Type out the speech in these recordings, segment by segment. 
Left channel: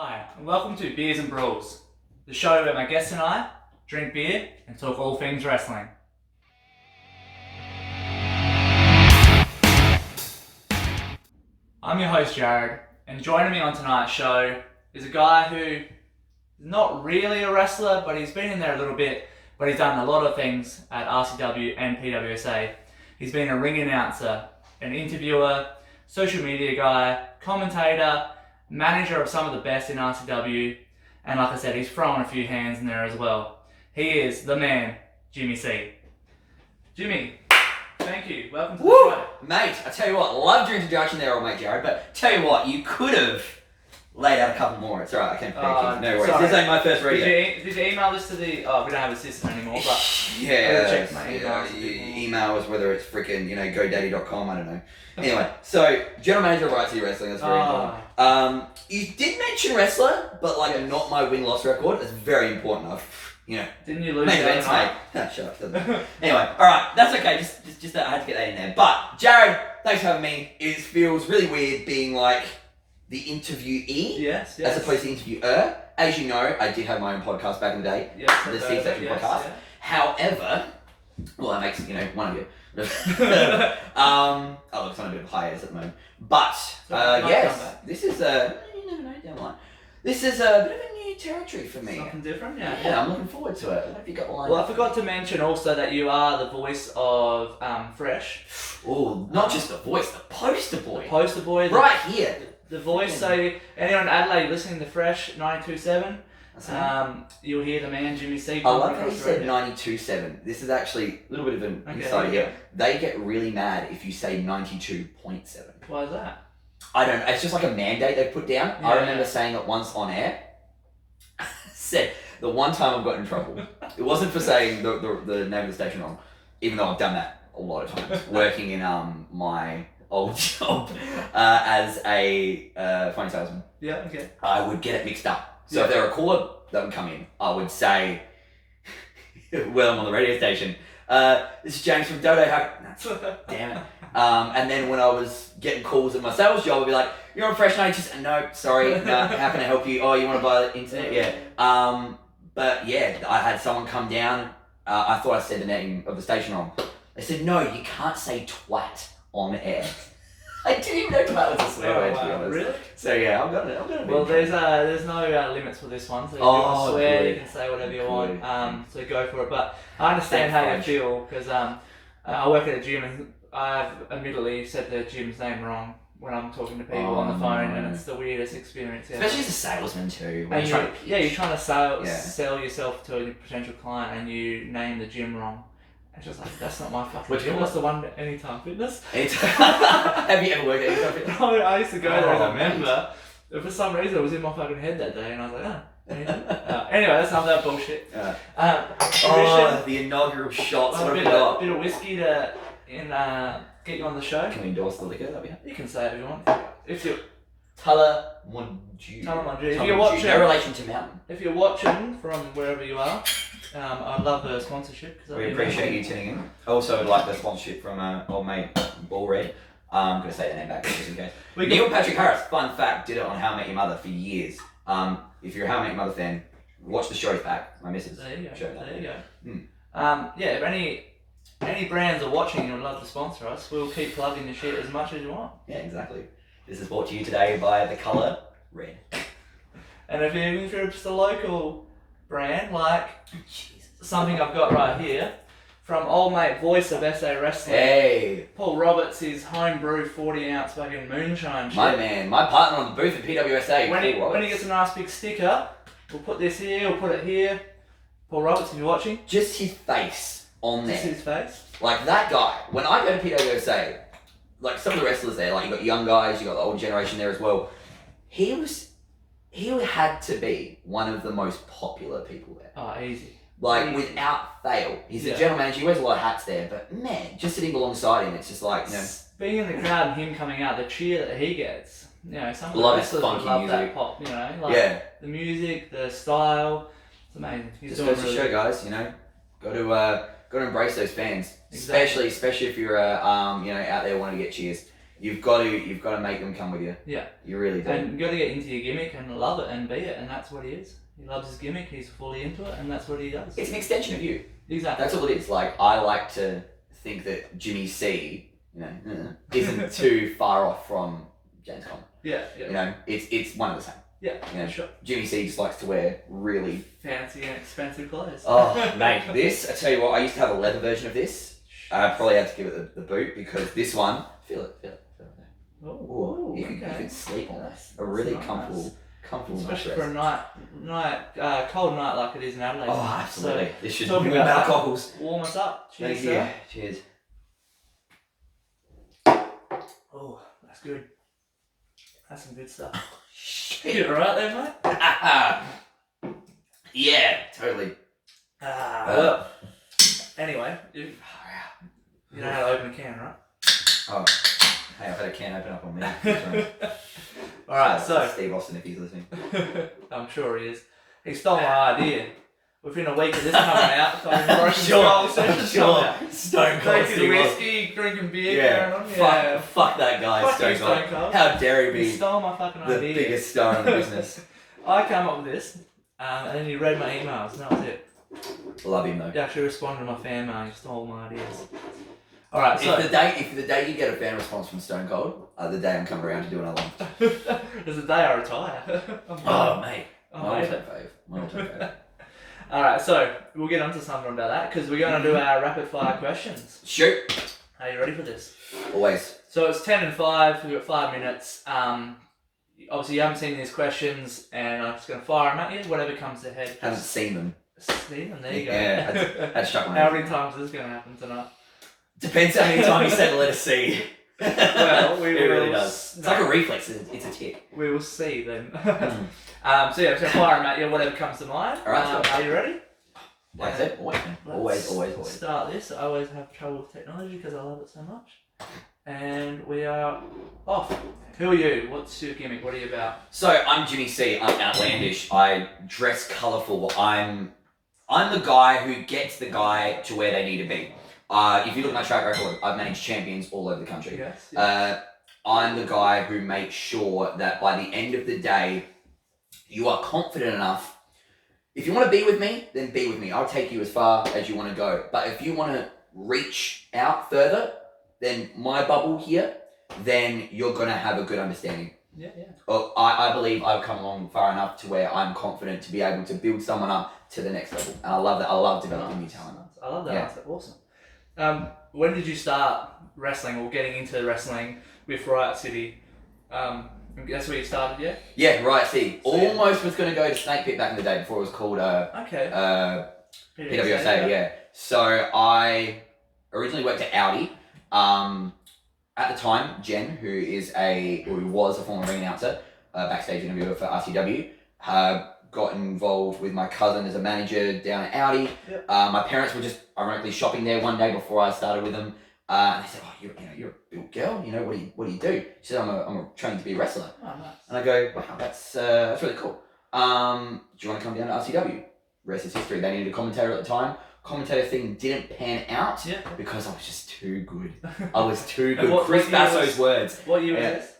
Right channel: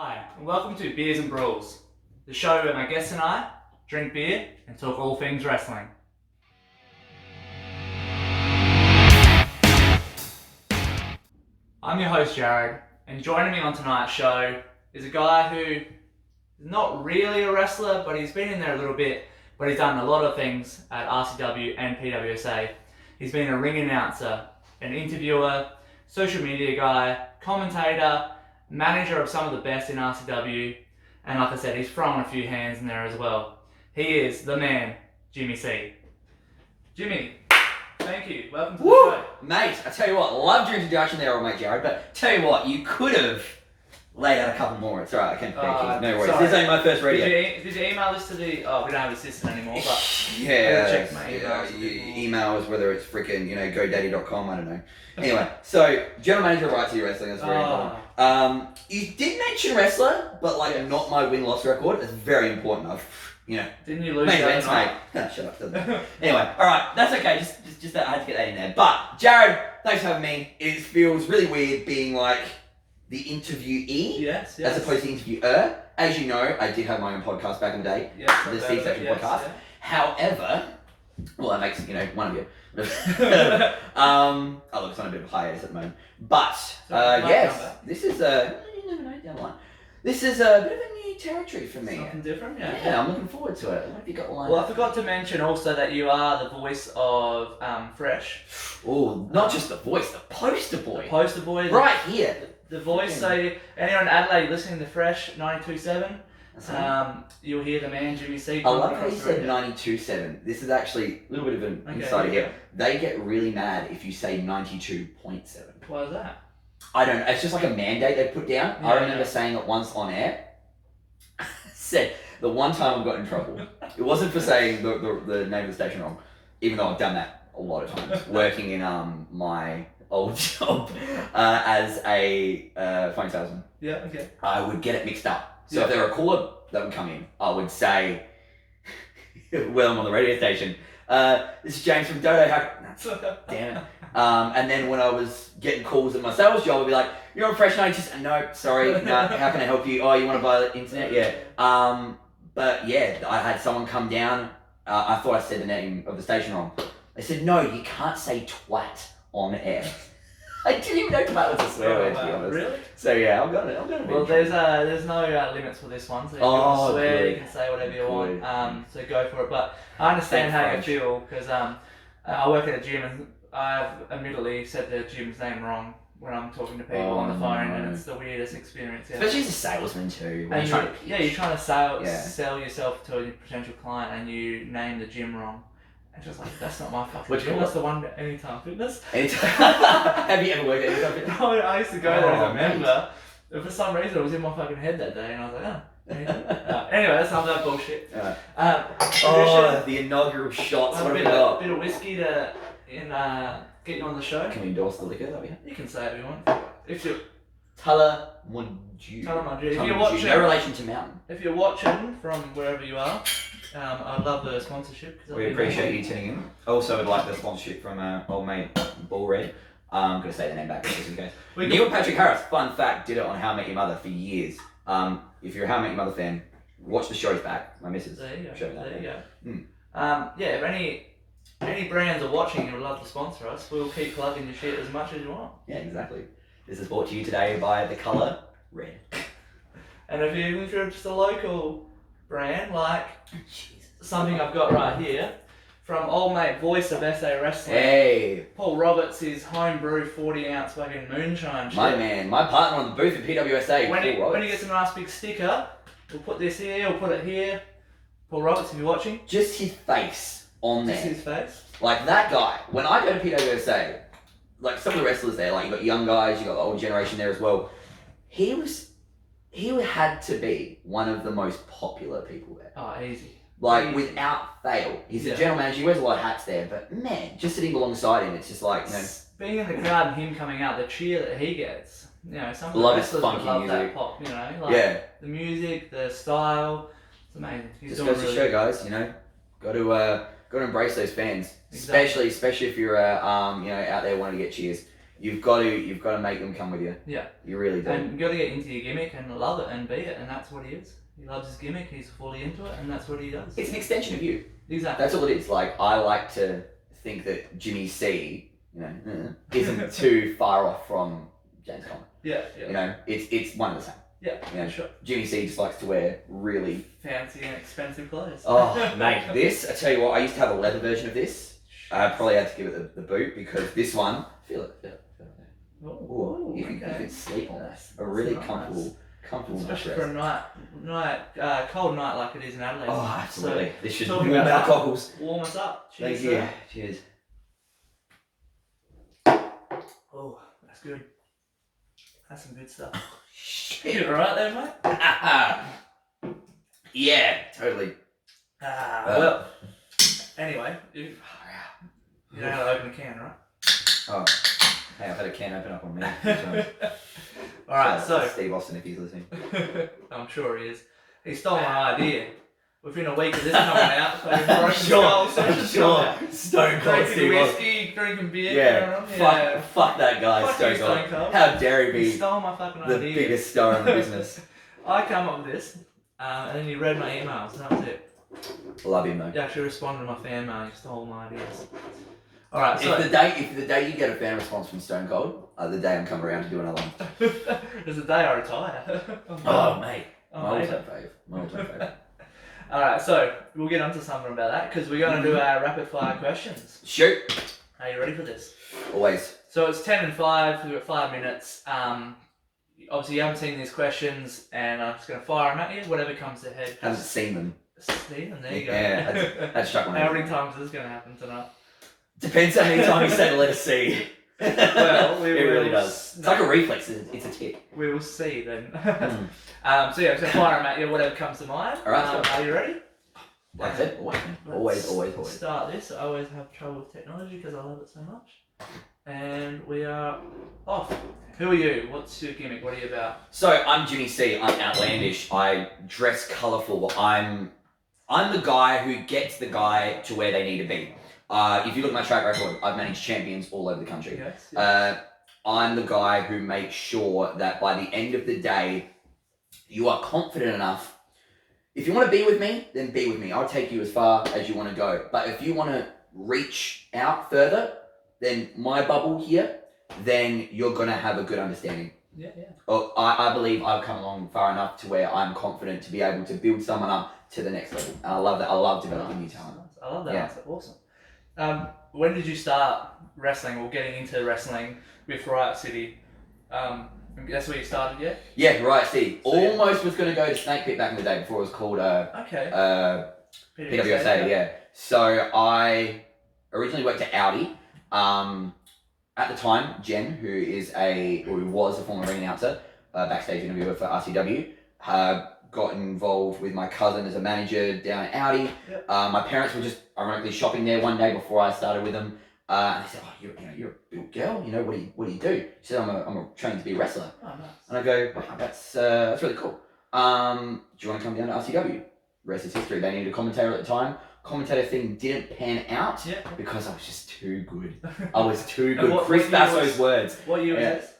Hi, and welcome to Beers and Brawls, the show where my guests and I drink beer and talk all things wrestling. I'm your host Jared, and joining me on tonight's show is a guy who is not really a wrestler, but he's been in there a little bit, but he's done a lot of things at RCW and PWSA. He's been a ring announcer, an interviewer, social media guy, commentator, manager of some of the best in RCW, and like I said, he's thrown a few hands in there as well. He is the man, Jimmy C. Jimmy, thank you. Welcome to the show. Mate, I tell you what, loved your introduction there, old mate Jared, but tell you what, you could have laid out a couple more. It's alright, I can't thank you. No worries. Sorry. This ain't my first radio. Did you email this to the... Oh, we don't have a system anymore, but... Yeah, check my emails. Emails, whether it's freaking, GoDaddy.com, I don't know. Anyway, so, general manager of Riot Wrestling, that's very important. You did mention wrestler, but not my win-loss record. That's very important. Didn't you lose main that events, night? mate. Shut up. Anyway, alright, that's okay. Just I had to get that in there. But, Jared, thanks for having me. It feels really weird being the interviewee, yes. as opposed to the interviewer. As you know, I did have my own podcast back in the day, the Steve Section podcast. Yeah. However, well, that makes one of you. Oh, look, it's on a bit of a hiatus at the moment. But yes, this is you never know down the line. This is a bit of a new territory for me. Something different, Yeah, I'm looking forward to it. What have you got lined Well, up? I forgot to mention also that you are the voice of Fresh. Oh, not just the voice, the poster boy. The poster boy. Right here. The voice. So anyone in Adelaide listening to Fresh 92.7, you'll hear the man Jimmy C. I love how you said 92.7. This is actually a little bit of an insight here. They get really mad if you say 92.7. Why is that? I don't know. It's just like a mandate they put down. I remember saying it once on air. Said the one time I've got in trouble. It wasn't for saying the name of the station wrong, even though I've done that a lot of times. Working in my old job as a phone salesman. Yeah, okay. I would get it mixed up. So if there were a caller that would come in, I would say, well, I'm on the radio station. This is James from Dodo. Damn it. And then when I was getting calls at my sales job, I'd be like, you're on Fresh 92. No, sorry. No, how can I help you? Oh, you want to buy the internet? Yeah. But yeah, I had someone come down. I thought I said the name of the station wrong. They said, no, you can't say twat on air. I didn't even know twat was a swear word, to be honest. Really? So yeah, I'm gonna. Well, there's no limits for this one. So if you want to swear, you can say whatever you want. So go for it. But I understand how you feel because I work at a gym and I've admittedly said the gym's name wrong when I'm talking to people on the phone, and it's the weirdest experience ever. Especially as a salesman too. And you're trying to sell yourself to a potential client, and you name the gym wrong. It's just like, that's not my fucking gym. That's the one Anytime Fitness. Have you ever worked at Anytime Fitness? I used to go there as a member. But for some reason, it was in my fucking head that day, and I was like, anyway, that's not that bullshit. The inaugural shots. A bit of whiskey to get you on the show. Can we endorse the liquor that we have? You can say it if you want. If you're Tullamunju. If you're watching, no relation to Mountain. If you're watching from wherever you are, I'd love the sponsorship. We appreciate you tuning in. Also, I'd like the sponsorship from old mate Ball Red. I'm going to say the name back just in case. Neil Patrick Harris, fun fact, did it on How I Met Your Mother for years. If you're a How I Met Your Mother fan, watch the shows back. My missus. There you go. There you go. If any brands are watching and would love to sponsor us, we'll keep plugging the shit as much as you want. Yeah, exactly. This is brought to you today by the colour red. And if you're just a local brand, like something I've got right here, from old mate voice of SA Wrestling. Hey! Paul Roberts, his homebrew 40 ounce fucking moonshine shit. My man, my partner on the booth at PWSA. When he gets a nice big sticker, we'll put this here, we'll put it here. Paul Roberts, if you're watching. Just his face on there. Just his face. Like that guy, when I go to PWSA, some of the wrestlers there, you got young guys, you got the older generation there as well. He had to be one of the most popular people there. Oh, easy. Without fail. He's the general manager, he wears a lot of hats there, but man, just sitting alongside him, it's just being in the crowd and him coming out, the cheer that he gets. Some of the wrestlers would love music. that pop, the music, the style. It's amazing. Just goes to show, guys, got to embrace those fans. Exactly. Especially if you're out there wanting to get cheers. You've got to make them come with you. Yeah. You really do. And you got to get into your gimmick and love it and be it, and that's what he is. He loves his gimmick, he's fully into it, and that's what he does. It's an extension of you. Exactly. That's all it is. Like, I like to think that Jimmy C, isn't too far off from James Conner. Yeah. It's one and the same. Yeah, sure. Jimmy C just likes to wear really fancy and expensive clothes. Oh, mate, this, I tell you what, I used to have a leather version of this. I probably had to give it the boot because this one, feel it. Oh, you can sleep on this. A really comfortable especially for a cold night like it is in Adelaide. Oh, absolutely. So, this should warm our cockles. Warm us up. Cheers, Cheers. Oh, that's good. That's some good stuff. You alright there, mate? Yeah, totally. Well, anyway, you know how to open a can, right? Oh, hey, I've had a can open up on me. Alright, so Steve Austin, if he's listening. I'm sure he is. He stole my idea. Within a week of this coming out, so Broken Skull sessions coming out. Stone Cold Drinking whiskey, drinking beer, yeah. Fuck that guy, Fuck Stone you, Cold. Stone Cold. How dare he be He stole my fucking the idea. biggest star in the business. I came up with this, and then he read my emails, and that was it. Love him though. He actually responded to my fan mail, he stole my ideas. Alright, so... If the day you get a fan response from Stone Cold, the day I'm coming around to do another one. It's the day I retire. Oh, mate. My amazing. all-time fave. Alright, so we'll get onto something about that because we're going to do our rapid fire questions. Shoot. Are you ready for this? Always. So it's 10 and 5, we've got 5 minutes. Obviously you haven't seen these questions and I'm just going to fire them at you, whatever comes to head. Haven't seen them. See them, there you go. Yeah, I'd chuck one How over. many times is this going to happen tonight? Depends how many times you say the letter C. Well, it really does. It's like a reflex, it's a tick. We will see then. So yeah, I'm just going to fire them at you, whatever comes to mind. Alright, are you ready? Like I said, always. Start this. I always have trouble with technology because I love it so much. And we are off. Who are you? What's your gimmick? What are you about? So I'm Jimmy C. I'm outlandish. I dress colourful. I'm the guy who gets the guy to where they need to be. If you look at my track record, I've managed champions all over the country. Yes. I'm the guy who makes sure that by the end of the day, you are confident enough. If you want to be with me, then be with me. I'll take you as far as you want to go. But if you want to reach out further than my bubble here, then you're going to have a good understanding. Yeah. I believe I've come along far enough to where I'm confident to be able to build someone up to the next level. And I love that. I love developing new talent. I love that. Yeah. That's awesome. When did you start wrestling or getting into wrestling with Riot City? That's where you started, yeah? Yeah, Riot City. Almost was going to go to Snake Pit back in the day before it was called PWSA, yeah. So I originally worked at Audi. At the time, Jen, who was a former ring announcer, backstage interviewer for RCW, got involved with my cousin as a manager down at Audi. Yep. My parents were just ironically shopping there one day before I started with them. And they said, "Oh, you're a built girl. What do you do?" She said, "I'm training to be a wrestler." Oh, nice. And I go, "Wow, that's really cool. Do you want to come down to RCW?" Rest is history. They needed a commentator at the time. Commentator thing didn't pan out because I was just too good. I was too good. Chris Basso's words. What year was this?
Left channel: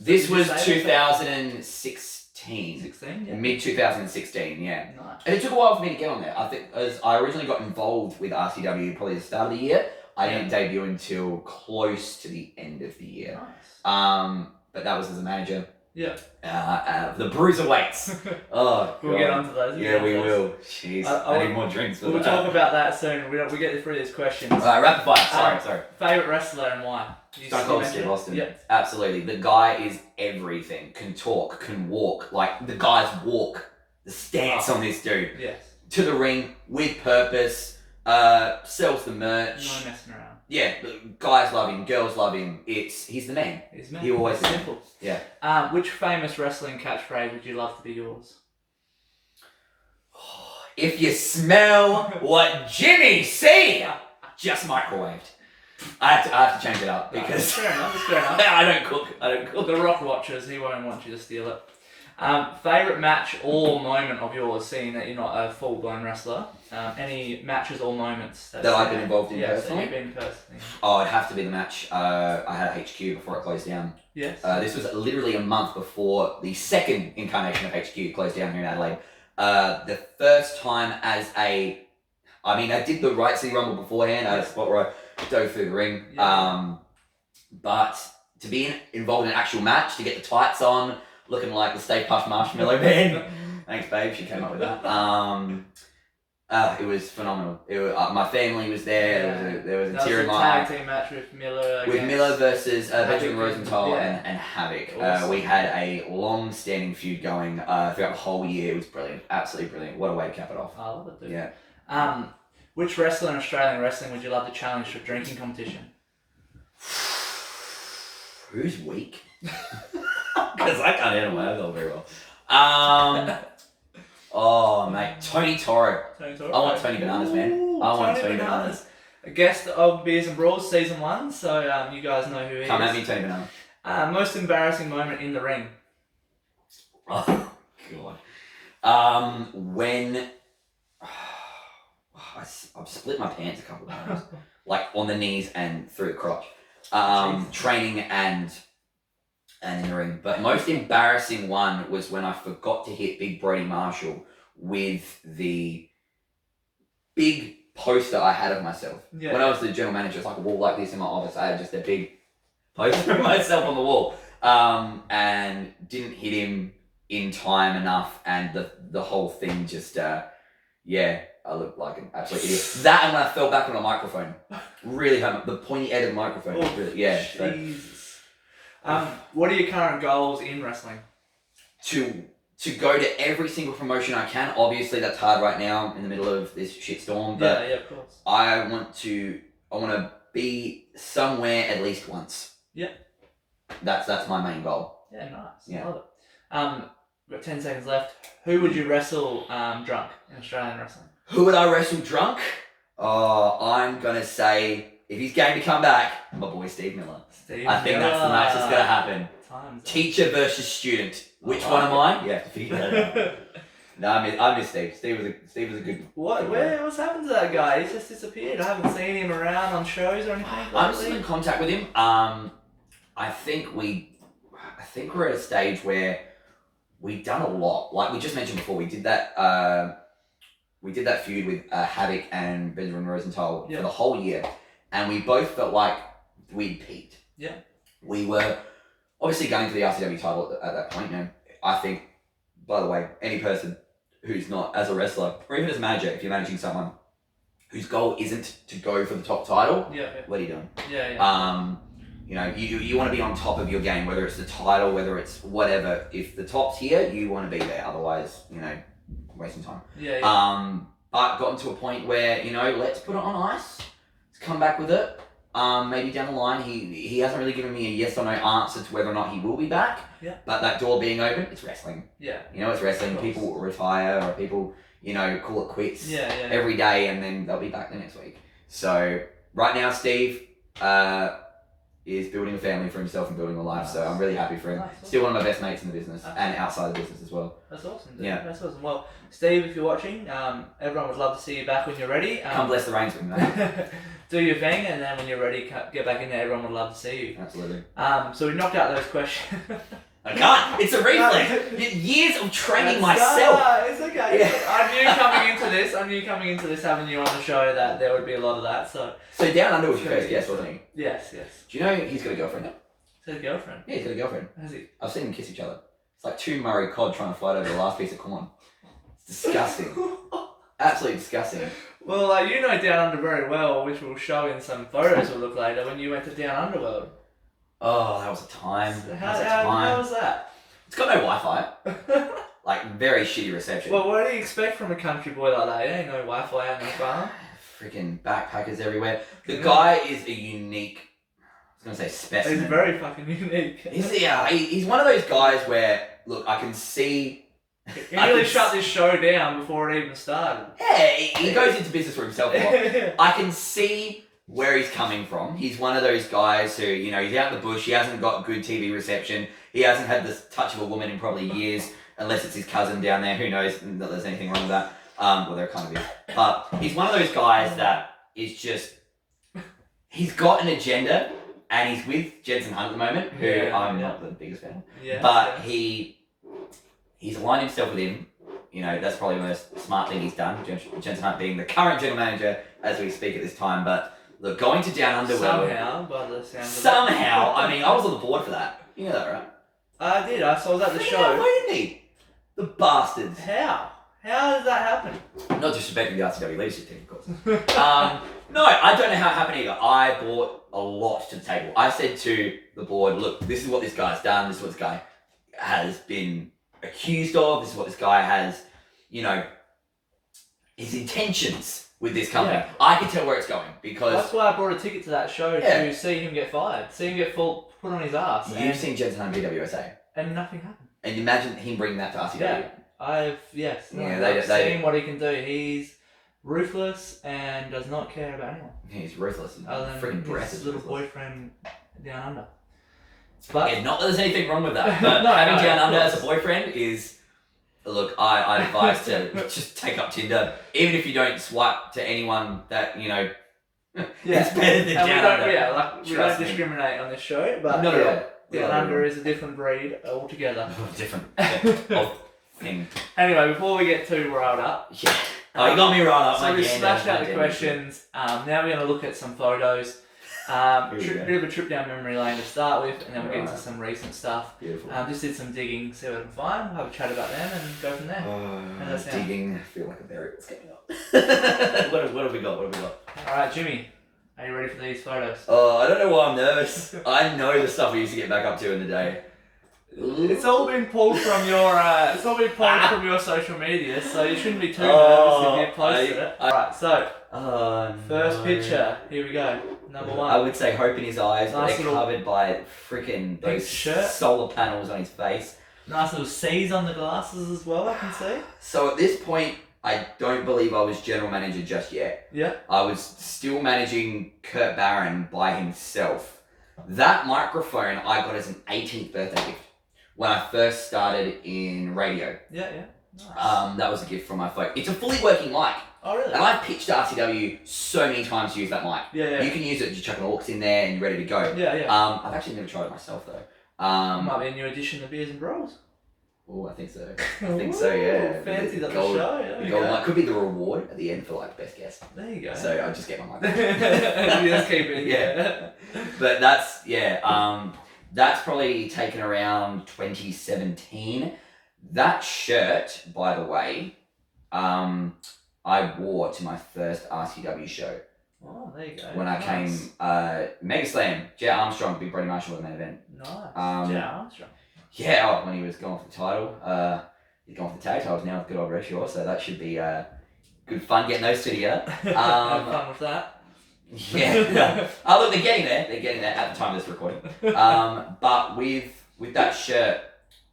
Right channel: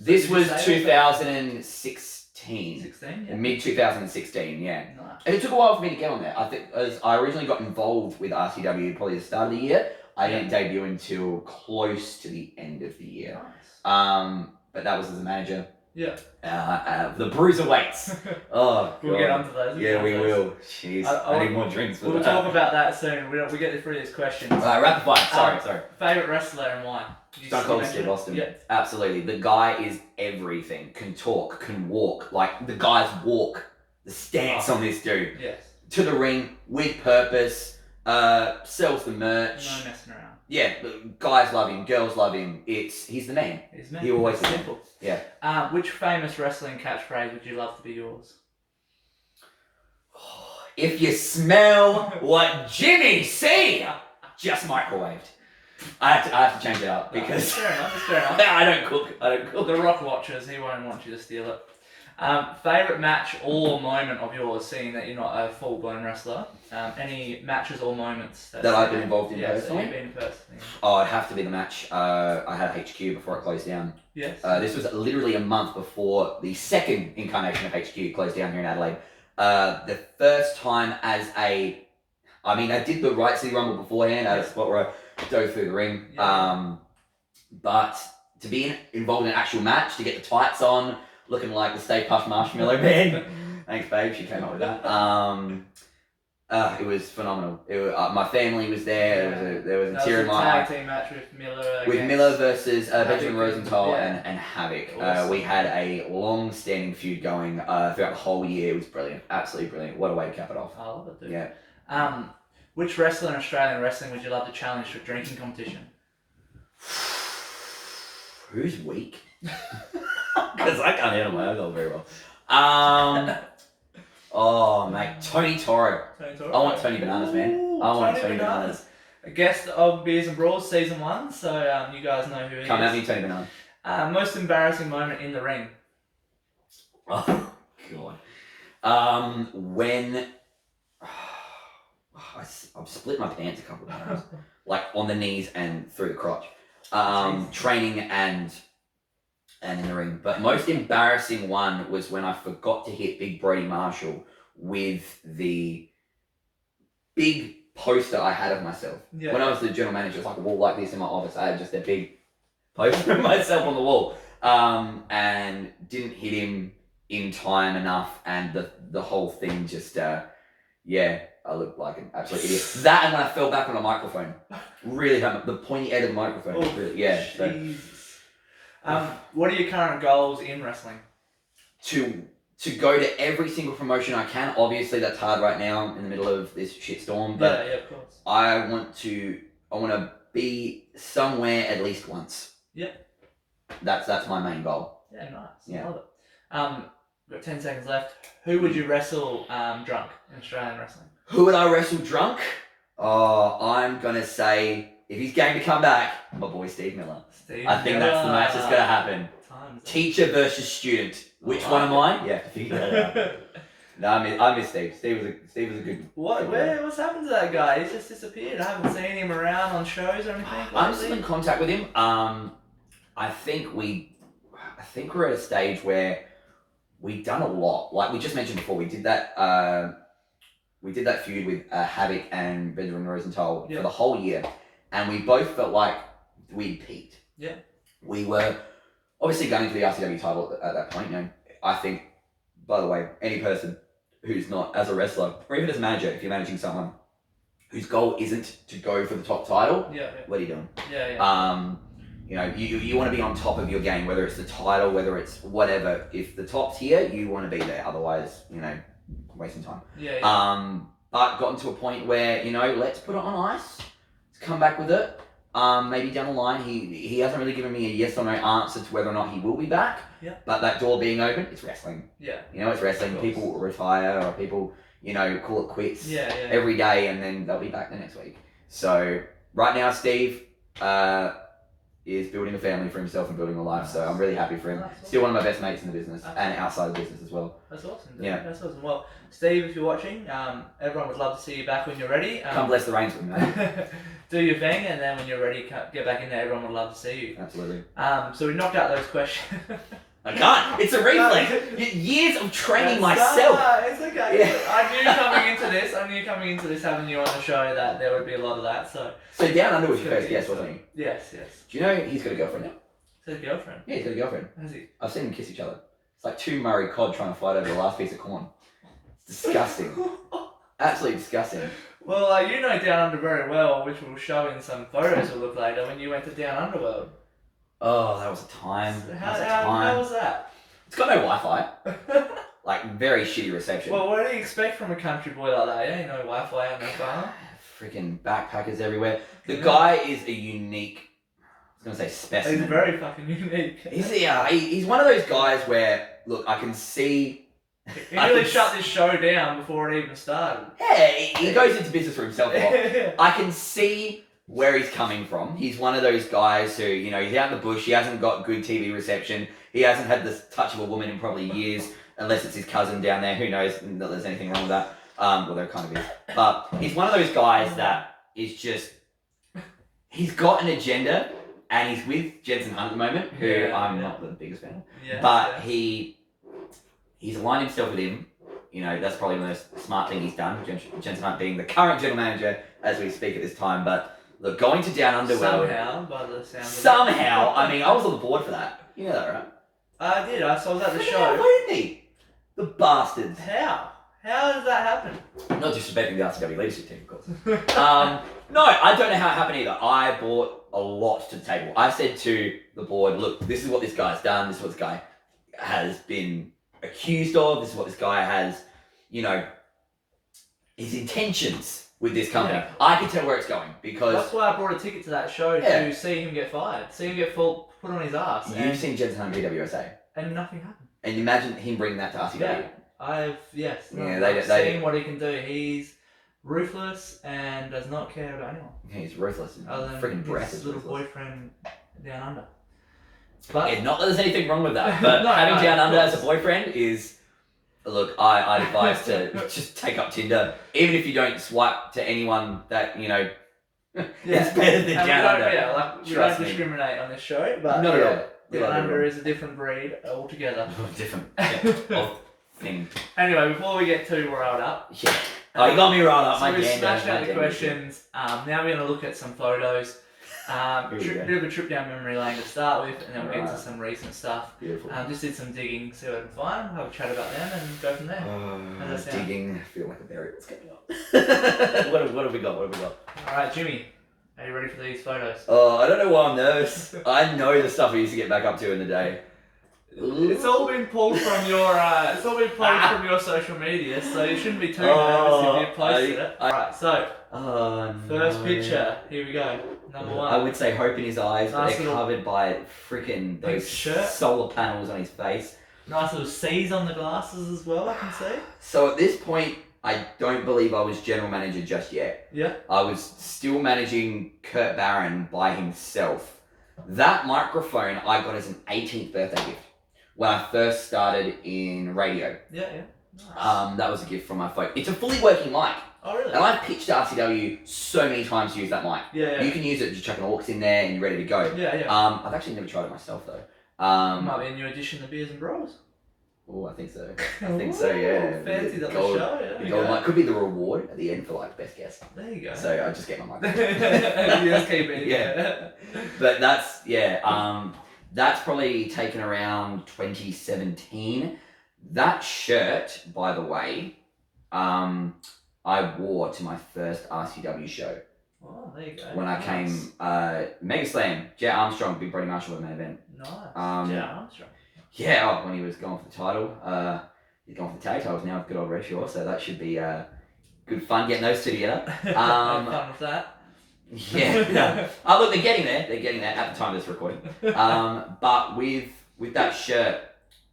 This was 2016. 16, yeah. Mid 2016, yeah. Nice. And it took a while for me to get on there. I think as I originally got involved with RCW probably at the start of the year. I didn't debut until close to the end of the year. Nice. But that was as a manager. Yeah. The bruiserweights. Oh, we'll get onto those. Yeah, we will. Jeez, I need more drinks. We'll talk about that soon. We get through these questions. Alright, rapid fire. Sorry. Favourite wrestler and why? Stone Cold Steve Austin. Yeah. Absolutely. The guy is everything. Can talk, can walk. Like, the guy's walk. The stance on this dude. Yes. To the ring, with purpose. Sells the merch. No messing around. Yeah, guys love him, girls love him. He's the man. He's the man. He always is. Simple. Yeah. Which famous wrestling catchphrase would you love to be yours? If you smell what Jimmy see, just microwaved. I have to change it up because Fair enough. I don't cook. The Rock watchers, he won't want you to steal it. Favorite match or moment of yours, seeing that you're not a full-blown wrestler? Any matches or moments that I've been involved in personally? You've been personally. Oh, it'd have to be the match I had at HQ before it closed down. Yes. This was literally a month before the second incarnation of HQ closed down here in Adelaide. The first time I did the Riot City Rumble beforehand. I had a spot where I dove through the ring. Yeah. But to be involved in an actual match, to get the tights on, looking like the Stay Puft Marshmallow Man. Thanks, babe. She came up with that. It was phenomenal. My family was there. There was a tear in my eye. Tag team match with Miller. With Miller versus Benjamin Rosenthal Yeah. and Havoc. Awesome. We had a long-standing feud going throughout the whole year. It was brilliant. Absolutely brilliant. What a way to cap it off. I love it, dude. Yeah. Which wrestler in Australian wrestling would you love to challenge for drinking competition? Who's weak? Because I can't handle my alcohol very well. Oh, mate. Tony Toro. I want Tony Bananas, man. I want Tony Bananas. A guest of Beers and Brawls season 1, so you guys know who he Come is. at me, Tony Bananas. Most embarrassing moment in the ring? Oh, God. When I've split my pants a couple of times, like on the knees and through the crotch. Training and in the ring. But most embarrassing one was when I forgot to hit Big Brody Marshall with the big poster I had of myself. Yeah. When I was the general manager, it's like a wall like this in my office. I had just a big poster of myself on the wall. And didn't hit him in time enough, and the whole thing just I looked like an absolute idiot. That, and when I fell back on a microphone, really hurt the pointy end of the microphone. Oh, really, yeah. Jesus. What are your current goals in wrestling? To go to every single promotion I can. Obviously, that's hard right now in the middle of this shitstorm. But yeah, of course. I want to be somewhere at least once. Yeah. That's my main goal. Yeah, nice. Yeah. I love it. We've got 10 seconds left. Who would you wrestle drunk in Australian wrestling? Who would I wrestle drunk? Oh, I'm gonna say, if he's game to come back, my boy Steve Miller. I think that's the match that's gonna happen. Teacher versus student. Which one am I? Yeah, figure that out. No, I miss Steve. Steve was a good. What's happened to that guy? He's just disappeared. I haven't seen him around on shows or anything. I'm still in contact with him. I think we're at a stage where we've done a lot. Like we just mentioned before, we did that feud with Havoc and Benjamin Rosenthal for the whole year, and we both felt like we'd peaked. Yeah. We were obviously going for the RCW title at that point. You know, I think, by the way, any person who's not as a wrestler or even as a manager, if you're managing someone whose goal isn't to go for the top title, what are you doing? You know, you want to be on top of your game, whether it's the title, whether it's whatever. If the top's here, you want to be there. Otherwise, you know, wasting time. But gotten to a point where, you know, let's put it on ice. Let's come back with it. Maybe down the line, he hasn't really given me a yes or no answer to whether or not he will be back. Yeah. But that door being open, it's wrestling. Yeah. You know, it's wrestling. People retire or people, you know, call it quits every day, and then they'll be back the next week. So right now, Steve is building a family for himself and building a life. Nice. So I'm really happy for him. Nice. Still one of my best mates in the business and outside the business as well. That's awesome. Dude. Yeah. That's awesome. Well, Steve, if you're watching, everyone would love to see you back when you're ready. Come bless the reins with me, mate. Do your thing, and then when you're ready, get back in there. Everyone would love to see you. Absolutely. So we knocked out those questions. I can't. It's a reflex. Years of training myself. It's okay. Yeah. I knew coming into this, having you on the show, that there would be a lot of that. So Down Under was your first guest, wasn't he? Yes. Do you know he's got a girlfriend now? He's got a girlfriend? Yeah, he's got a girlfriend. Has he? I've seen them kiss each other. It's like two Murray cod trying to fight over the last piece of corn. It's disgusting. Absolutely disgusting. Well, you know Down Under very well, which we'll show in some photos we'll look later, when you went to Down Underworld. Oh, that was a time. How was that? It's got no Wi-Fi. Like, very shitty reception. Well, what do you expect from a country boy like that? Ain't no Wi-Fi out in the farm. Freaking backpackers everywhere. The guy is a unique, I was going to say specimen. He's very fucking unique. He's one of those guys where, look, I can see... He really shut this show down before it even started. Yeah, he goes into business for himself a lot. I can see where he's coming from. He's one of those guys who, you know, he's out in the bush, he hasn't got good TV reception, he hasn't had the touch of a woman in probably years, unless it's his cousin down there. Who knows that there's anything wrong with that? Well, there kind of is. But he's one of those guys that is just, he's got an agenda, and he's with Jensen Hunt at the moment, who I'm not the biggest fan of. Yeah, but he's aligned himself with him. You know, that's probably the most smart thing he's done. Jensen Hunt being the current general manager as we speak at this time. But look, going to Down Under somehow, by the sound of it. somehow, I mean, I was on the board for that. You know that, right? I did. So I was at the show. How did he? The bastards. How? How does that happen? Not disrespecting the RCW leadership team, of course. No, I don't know how it happened either. I brought a lot to the table. I said to the board, look, this is what this guy's done. This is what this guy has been accused of. This is what this guy has, you know, his intentions with this company. Yeah. I can tell where it's going because... That's why I brought a ticket to that show to see him get fired. See him get put on his ass. You've seen Jensen Hunt BWSA. And nothing happened. And imagine him bringing that to RCW. Yeah. I've seen what he can do. He's ruthless and does not care about anyone. Yeah, he's ruthless. Other than Freaking breath his is little ruthless. boyfriend down under. But Yeah, not that there's anything wrong with that, but having Down Under as a boyfriend is... Look, I advise to just take up Tinder, even if you don't swipe to anyone that, you know, it's better than Down Under. We don't discriminate on this show, but Not at all. Down Under is a different breed altogether. Different. Yeah. Thing. Anyway, before we get too riled up, Yeah. Oh, you got me riled up. so we smashed out the questions. Now we're going to look at some photos. Bit of a trip down memory lane to start with, and then we'll get into some recent stuff. Beautiful. Just did some digging, see what I can find, have a chat about them, and go from there. Digging. I feel like a berry. What's going on? what have we got? Alright, Jimmy, are you ready for these photos? Oh, I don't know why I'm nervous. I know the stuff I used to get back up to in the day. It's all been pulled from your social media, so you shouldn't be too nervous if you posted it. Alright, so first picture, here we go. Number one. I would say hope in his eyes, Nice but they're covered by freaking those shirt. solar panels on his face. Nice little C's on the glasses as well, I can see. So at this point, I don't believe I was general manager just yet. Yeah. I was still managing Kurt Barron by himself. That microphone I got as an 18th birthday gift when I first started in radio. Yeah. Nice. That was a gift from my folk. It's a fully working mic. Oh, really? And I've pitched RCW so many times to use that mic. Yeah. You can use it, just chuck an aux in there and you're ready to go. Yeah. I've actually never tried it myself though. Might be a new addition to Beers and Brawls. Oh, I think so. I think so, yeah. Fancy the gold, show. Yeah, the golden light could be the reward at the end for like best guess. There you go. So I just get my mic. You just keep it. Yeah. But that's probably taken around 2017. That shirt, by the way, I wore to my first RCW show. Oh, there you go. When I came, Mega Slam, Jet Armstrong, Big Brody Marshall in that event. Nice. Jet Armstrong. Yeah, when he was going for the title, he's going for the tag titles now with good old Reshaw, so that should be good fun getting those two together. Have fun with that. Yeah. Oh, look, they're getting there. They're getting there at the time of this recording. But with that shirt,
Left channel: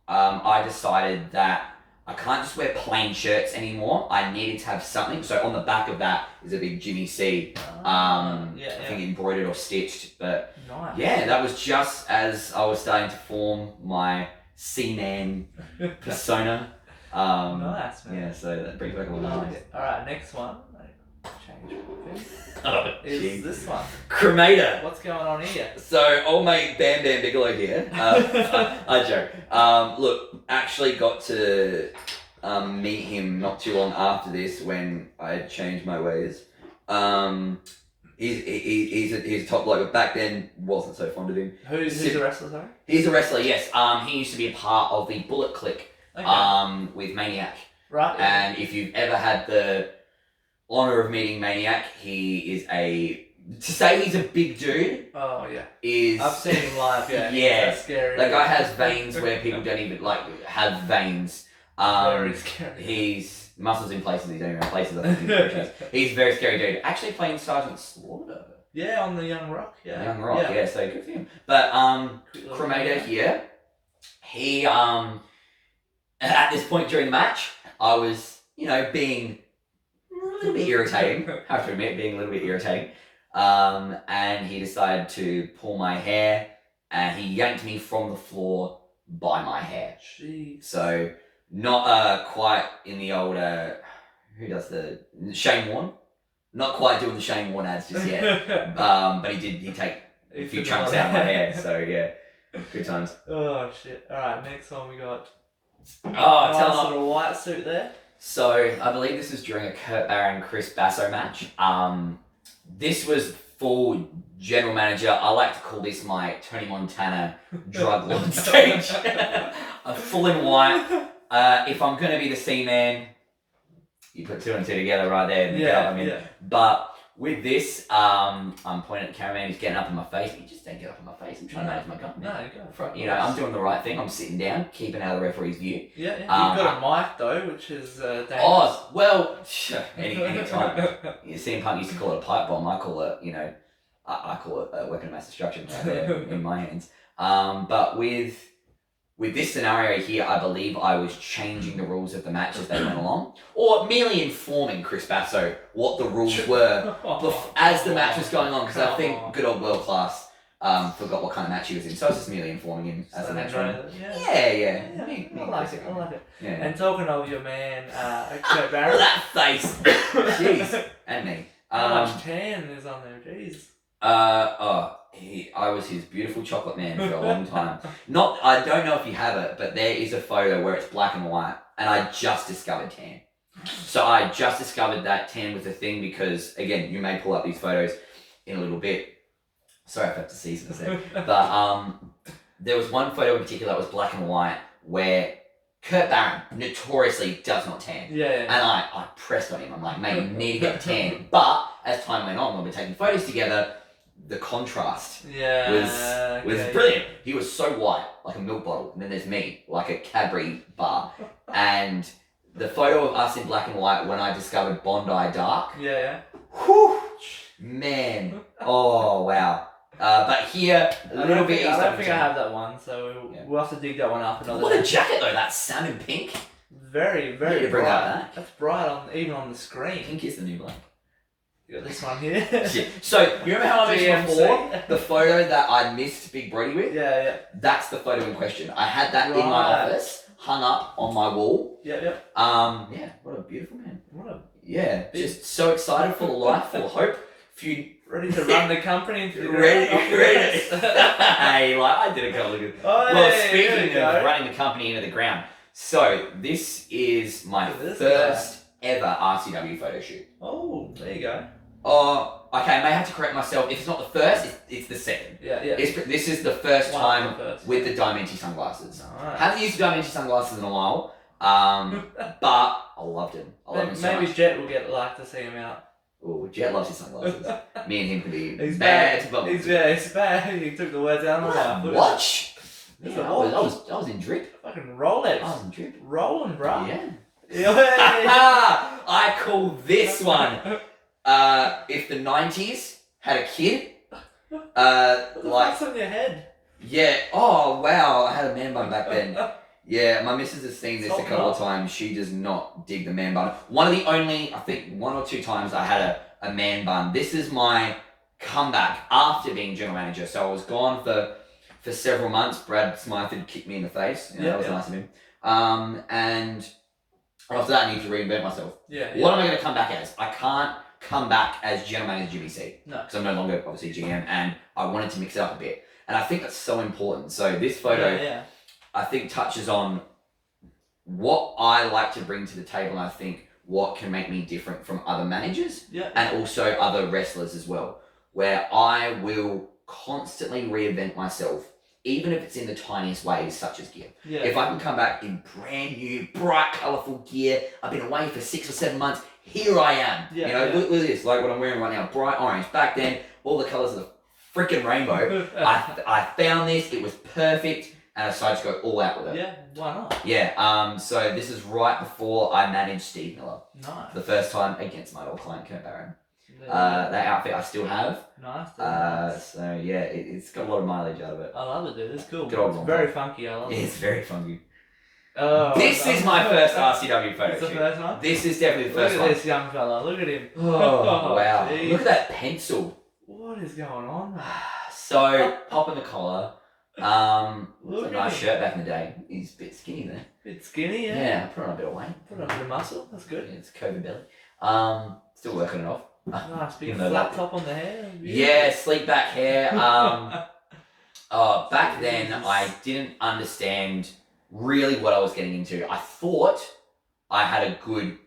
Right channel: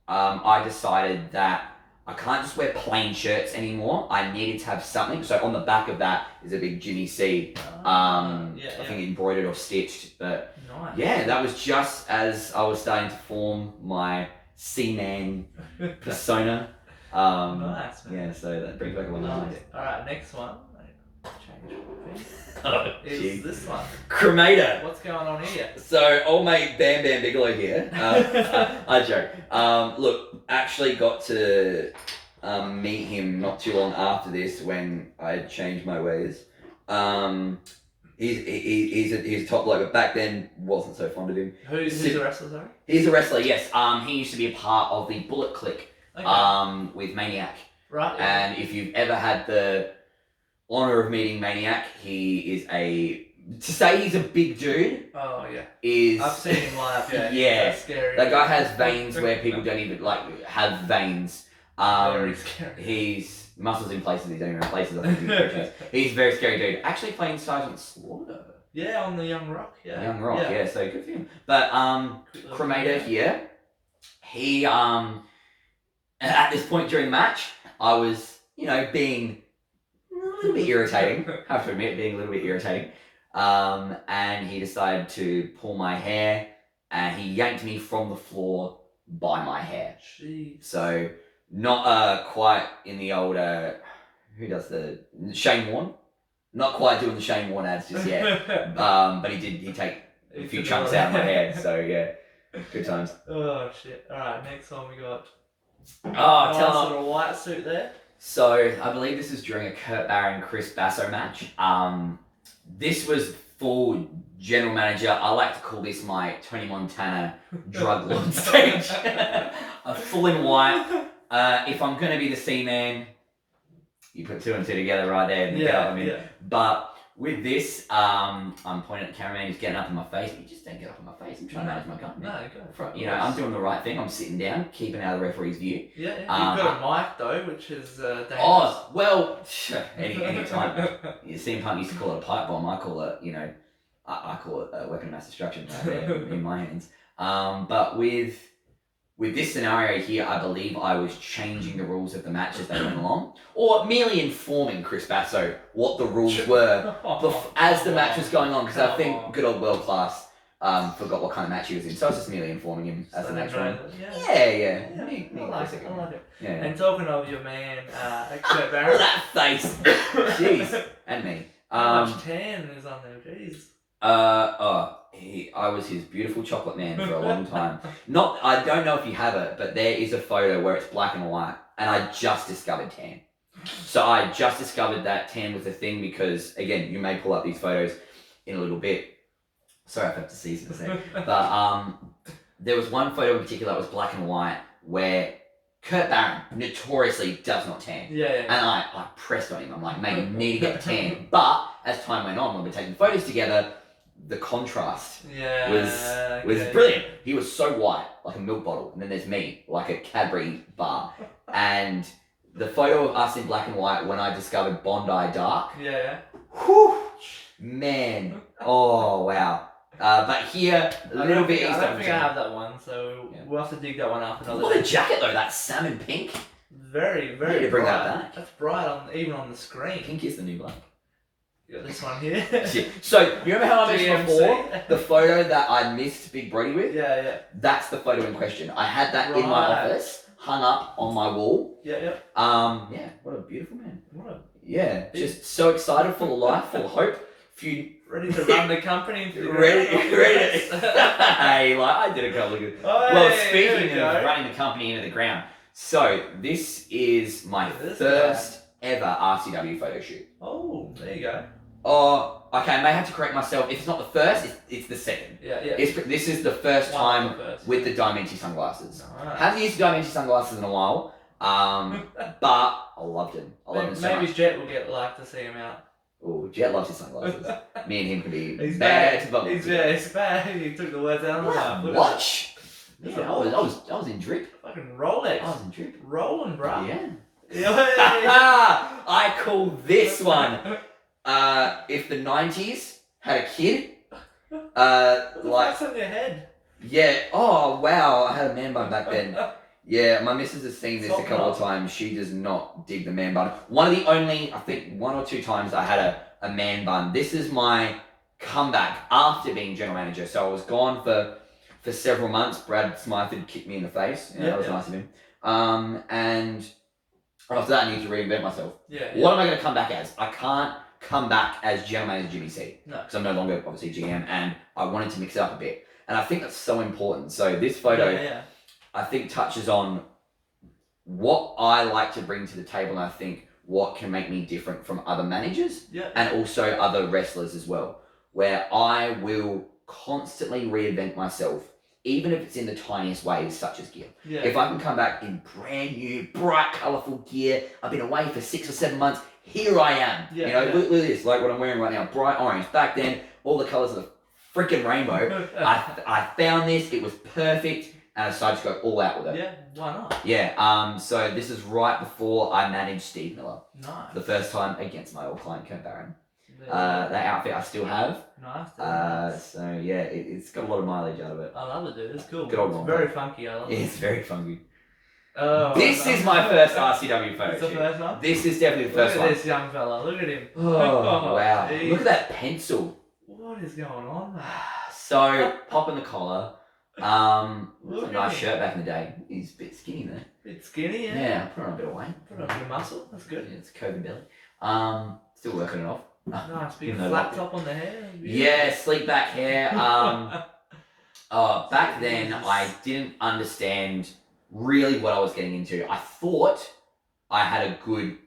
I decided that I can't just wear plain shirts anymore. I needed to have something. So on the back of that is a big Jimmy C. I think embroidered or stitched. But nice. Yeah, that was just as I was starting to form my C-man persona. Nice, man. Yeah, so that brings back a lot of memories. Alright, next one. Change thing. Is this one. Cremator. What's going on here? So, old mate Bam Bam Bigelow here. I joke. Look, actually got to meet him not too long after this when I had changed my ways. He's a top bloke, but back then wasn't so fond of him. Who's a wrestler, sorry? He's a wrestler, yes. He used to be a part of the Bullet Click with Maniac. Right. Yeah. And if you've ever had the honor of meeting Maniac, he is to say he's a big dude. Oh yeah. I've seen him live. Yeah. Yeah. That's scary. That guy has veins where people don't even have veins. Very scary. He's muscles in places he don't even have places. I think he's a very scary dude. Actually playing Sergeant Slaughter. Yeah, on the Young Rock. Yeah. Young Rock. Yeah. So good for him. But Cremator here. He at this point during the match, I was being a little bit irritating. I have to admit, being a little bit irritating. And he decided to pull my hair, and he yanked me from the floor by my hair. Jeez. So Not quite in the old who does the Shane Warne? Not quite doing the Shane Warne ads just yet. But he take a few chunks out of my hair, so yeah. Good times. Oh shit. Alright, next one we got tell nice little white suit there. So I believe this was during a Kurt Barron Chris Basso match. This was full general manager. I like to call this my Tony Montana drug lord stage. Full in white. If I'm gonna be the C-man, you put 2 and 2 together right there. Yeah. But with this, I'm pointing at the cameraman. He's getting up in my face. He just don't get up in my face. I'm trying to manage my company. No, go. You know, I'm doing the right thing. I'm sitting down, keeping out of the referee's view. Yeah. You've got a mic though, which is dangerous. Oh well, any time. CM Punk used to call it a pipe bomb. I call it, I call it a weapon of mass destruction right there in my hands. But with this scenario here, I believe I was changing the rules of the match as they went along, or merely informing Chris Basso what the rules were as the match was going on, because I think good old World Class forgot what kind of match he was in, so I was just merely informing him as the match went on. Yeah. I like it. Yeah. And talking of your man, Kurt Barron. That face! Jeez. And me. How much tan is on there? Jeez. I was his beautiful chocolate man for a long time. I don't know if you have it, but there is a photo where it's black and white, and I just discovered tan. So I just discovered that tan was a thing because, again, you may pull up these photos in a little bit. Sorry if I have to season this there. But there was one photo in particular that was black and white where Kurt Barron notoriously does not tan. Yeah. And I pressed on him. I'm like, mate, you need to get the tan. But as time went on, when we're taking photos together, the contrast was brilliant. He was so white, like a milk bottle, and then there's me, like a Cadbury bar. And the photo of us in black and white when I discovered Bondi Dark. Yeah. Whew, man. Oh, wow. But here, a little bit. I don't think I have that one, so we'll have to dig that one up another day. What a jacket though, that salmon pink. Very, very you bring bright. That back. That's bright even on the screen. Pink is the new black. You got this one here. So, you remember how I mentioned before the photo that I missed Big Brody with? Yeah. That's the photo in question. I had that in my office, hung up on my wall. Yeah. What a beautiful man. Yeah. Just so excited, full of life, full of hope. Ready to run the company into the ready. Hey, I did a couple of good. Speaking of running the company into the ground, so this is my first ever RCW photo shoot. Oh, there you go. Okay, I may have to correct myself. If it's not the first, it's the second. Yeah. This is the first time with the Diamante sunglasses. Nice. Haven't used Diamante sunglasses in a while, but I loved him. Maybe Jet will get to see him out. Oh, Jet loves his sunglasses. Me and him can be He's bad. He's bad. He took the words out of my mouth. Watch. Yeah, I was in drip. Fucking Rolex. I was in drip. Rolling, bro. Yeah. Yeah. I call this one. If the 90s had a kid, what's on your head? Yeah. Oh wow, I had a man bun back then. Yeah, my missus has seen this a couple of times. She does not dig the man bun. One of the only, I think, 1 or 2 times I had a man bun. This is my comeback after being general manager. So I was gone for several months. Brad Smythe had kicked me in the face. That was nice of him. And after that, I need to reinvent myself. Yeah. What am I going to come back as? I can't come back as general manager Jimmy C. No. Because I'm no longer, obviously, GM. And I wanted to mix it up a bit. And I think that's so important. So this photo... I think touches on what I like to bring to the table, and I think what can make me different from other managers and also other wrestlers as well, where I will constantly reinvent myself, even if it's in the tiniest ways, such as gear. If I can come back in brand new, bright, colourful gear, I've been away for 6 or 7 months, here I am. Look at this, like what I'm wearing right now, bright orange. Back then, all the colours of the freaking rainbow. I found this, it was perfect. And I decided to go all out with it. Yeah, why not? Yeah, so this is right before I managed Steve Miller. Nice. The first time against my old client, Kurt Barron. That outfit I still have. Nice. So yeah, it's got a lot of mileage out of it. I love it, dude. It's cool. Good old It's very funky. I love it. It's very funky. This is my first RCW photo shoot. The first one? This is definitely the first one. Look at this young fella. Look at him. Oh, wow. Geez. Look at that pencil. What is going on, man? So, popping the collar. Look a at nice him. shirt back in the day. He's a bit skinny there. Bit skinny, yeah. Yeah, put on a bit of weight. Put on a bit of muscle. That's good. It's COVID belly. Still working it off. Nice big Even though flat like- top on the hair. Yeah, sleek back hair. Back then, Jesus. I didn't understand really what I was getting into. I thought I had a good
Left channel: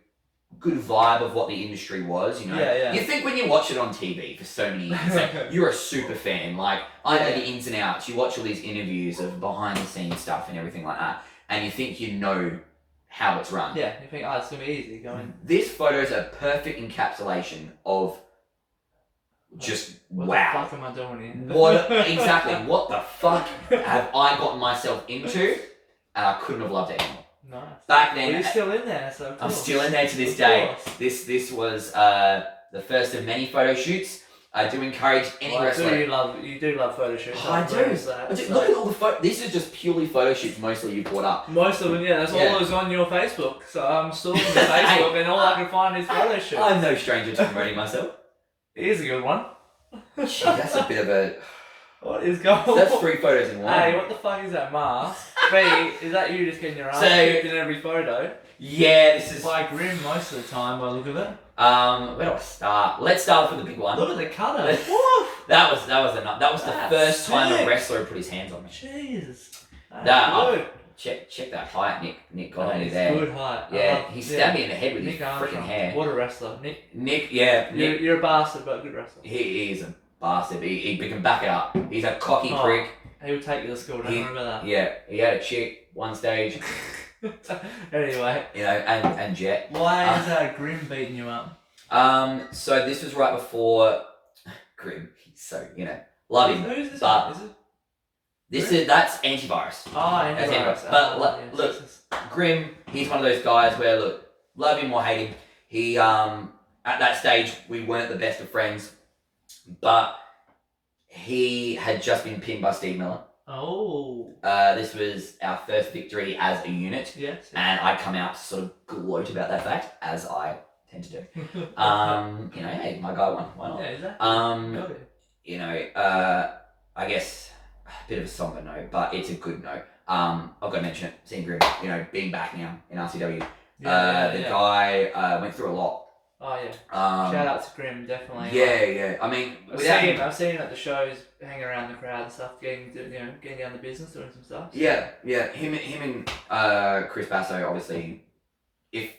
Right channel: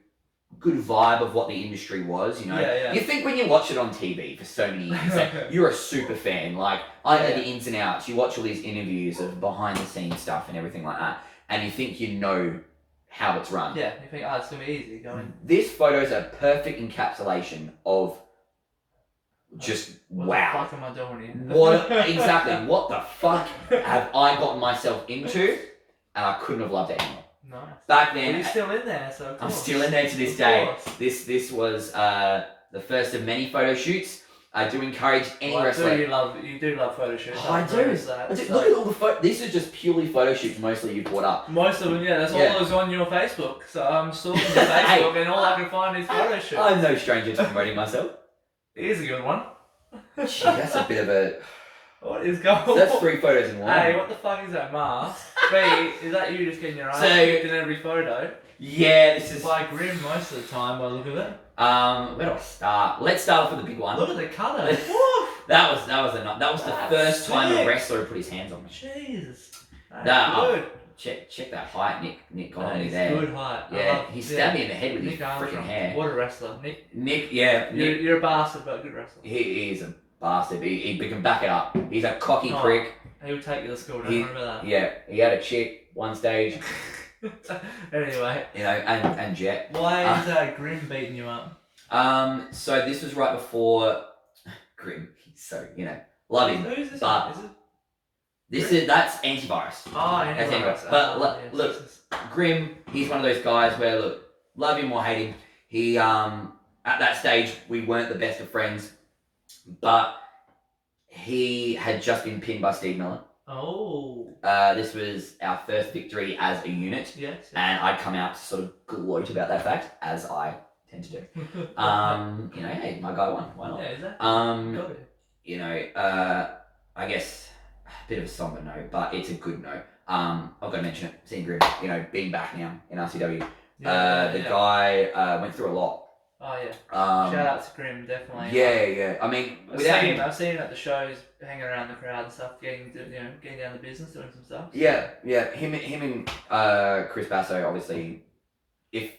vibe of what the industry was, you know. Yeah. You think when you watch it on TV for so many years, that you're a super fan. Like, I know the ins and outs. You watch all these interviews of behind the scenes stuff and everything like that, and you think you know how it's run. Yeah, you think, oh, it's gonna be easy going. This photo is a perfect encapsulation of just What wow. the fuck am I doing here? What the fuck have I gotten myself into? And I couldn't have loved it anymore. Nice. Back then, Well, you're still in there, so of I'm course. still in there to this Of day. course. This was the first of many photo shoots. I do encourage any wrestler. You do love photo shoots. Oh, I do. Look at all the This is just purely photo shoots. Mostly you've brought up. Most of them, yeah. That's all that was on your Facebook. So I'm stalking your Facebook, and all I can find is photo shoots. I'm no stranger to promoting myself. Here's a good one. Gee, that's a bit of a. What is going on? So that's 3 photos in one. A, what the fuck is that mask? B, is that you just getting your ass So- kicked in every photo? Yeah, this is. By Grim most of the time, by the look of it. Where do I start? Let's start off with the big one. Look at the cutter. That was the That's first time a sick. wrestler put his hands on me. Jesus. That- That's good. Check that height, Nick got That on me is there. good height. I Yeah, love- he stabbed me in the head with Nick his freaking Armstrong. hair. What a wrestler. Nick, Nick, you're a bastard, but a good wrestler. he is a bastard. He can back it up. He's a cocky Oh. prick. He'll take you to school, don't He- remember that. Yeah, he had a chick one stage, Anyway, you know, and Jet. why is Grim beating you up? So this was right before Grim. So love him. Who's this but- one? Is it? That's antivirus. Oh, That's antivirus. antivirus. But Yes, look, yes, yes. Grim, he's one of those guys where look, love him or hate him. He at that stage we weren't the best of friends, but he had just been pinned by Steve Miller. Oh. This was our first victory as a unit, Yes. and I'd come out to sort of gloat about that fact, as I tend to do. Hey, my guy won. Why not? Yeah, is that? Got it. I guess a bit of a somber note, but it's a good note. I've got to mention it. Seeing Grim, being back now in RCW. The guy went through a lot. Oh yeah. Shout Shout out to Grim, definitely. Yeah. I mean, I've seen him at the shows, hanging around the crowd and stuff, getting down the business, doing some stuff. Yeah. Him and Chris Basso, obviously, if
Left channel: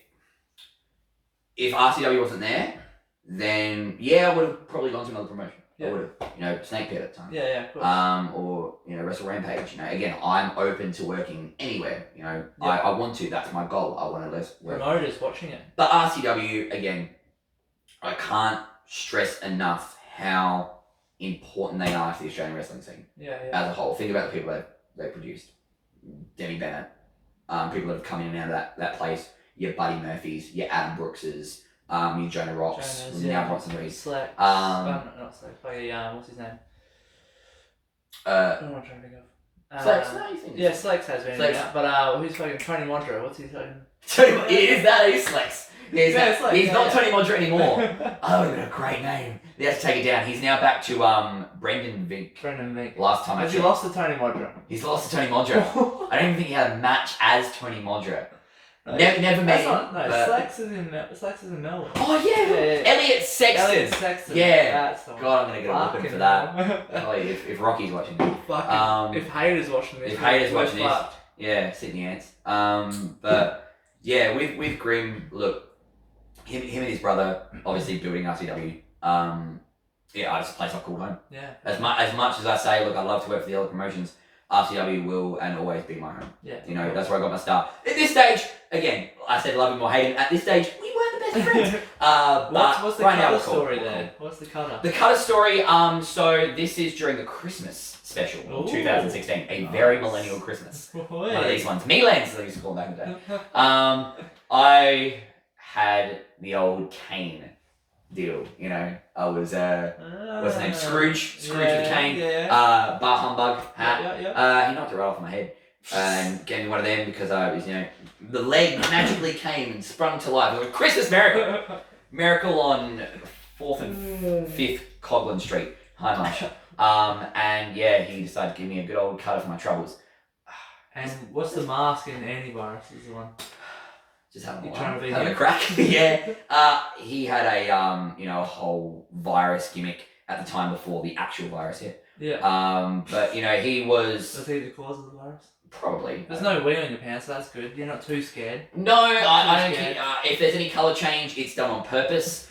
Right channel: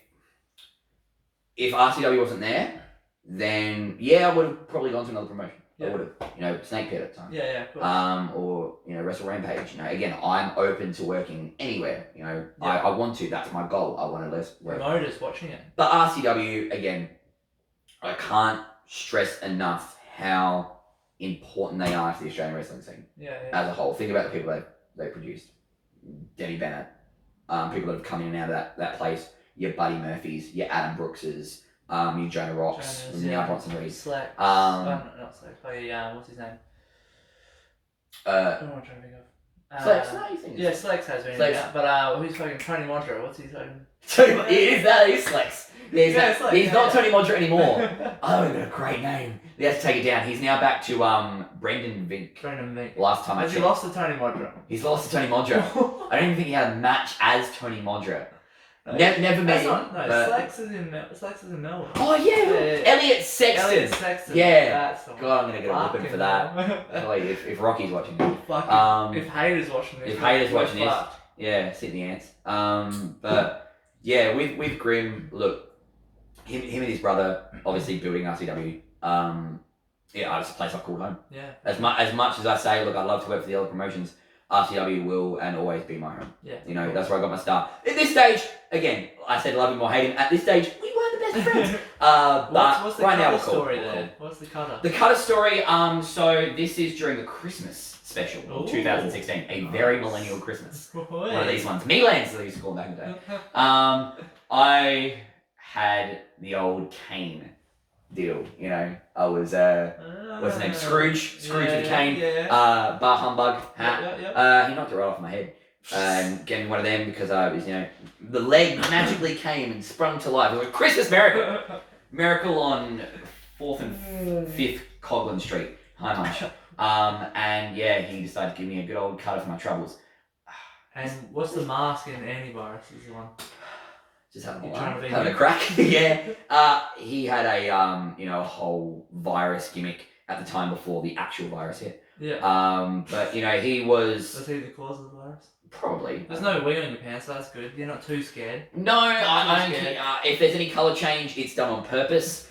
RCW wasn't there, then I would have probably gone to another promotion. Yeah. I would have, Snake Pit at the time. Yeah, of course. Or Wrestle Rampage. Again, I'm open to working anywhere. Yeah. I want to. That's my goal. I want to work. Promoters watching it. But RCW, again, I can't stress enough how important they are to the Australian wrestling scene as a whole. Think about the people they produced. Debbie Bennett, people that have come in and out of that place. Your Buddy Murphys, your Adam Brookses, your Jonah Rocks, now Bronson Reed. Slex. Not Slex. Oh yeah, what's his name? I don't know what I'm trying to think of. Slex, no, you think? Yeah, Slex has been in Slex. there, but who's fucking Tony Mondra? What's he fucking? Is Slex? Yeah, Slex, he's not Tony Mondra anymore. Oh, that would have a great name. They have to take it down. He's now back to Brendan Vink. Brendan Vink. Last time I Has he checked. lost to Tony Mondra? He's lost to Tony Mondra. I don't even think he had a match as Tony Mondra. Never met him. Slex is in Melbourne. Oh yeah. Elliot Sexton. Elliot Sexton. Yeah. That's the one. God, I'm gonna get a whooping for that. Golly, if Rocky's watching this. Fucking, if Hayter's watching this. If Hayter's we're watching this. fucked. Yeah, Sydney Ants. But yeah, with Grim, look, him and his brother obviously building RCW. I just a place I've called home. Yeah. As much as I say, look, I love to work for the other promotions. RCW will and always be my home. Yeah. That's where I got my start. At this stage, again, I said love him or hate him. At this stage, we weren't the best friends. But What's the right now cutter we're cool. story We're there? cool. What's the cutter? The cutter story, so this is during the Christmas special Ooh. 2016. A very millennial Christmas. Boy. One of these ones. Melands, they used to call them back in the day. I had the old cane deal, I was, what's his name? Scrooge with a cane. Yeah. Bar humbug hat. Yeah. He knocked it right off my head and gave me one of them because I was, the leg magically came and sprung to life. It was a Christmas miracle. Miracle on 4th and 5th Coghlan Street. Hi, Marsh. And he decided to give me a good old cutter for my troubles. And what's the mask in Antivirus is the one? Just having You're trying to be a him? crack. Yeah. He had a a whole virus gimmick at the time before the actual virus hit. Yeah. But he was Was he the cause of the virus? probably. There's no wee on your pants, so that's good. You're not too scared. No, I don't scared. care. If there's any colour change, it's done on purpose.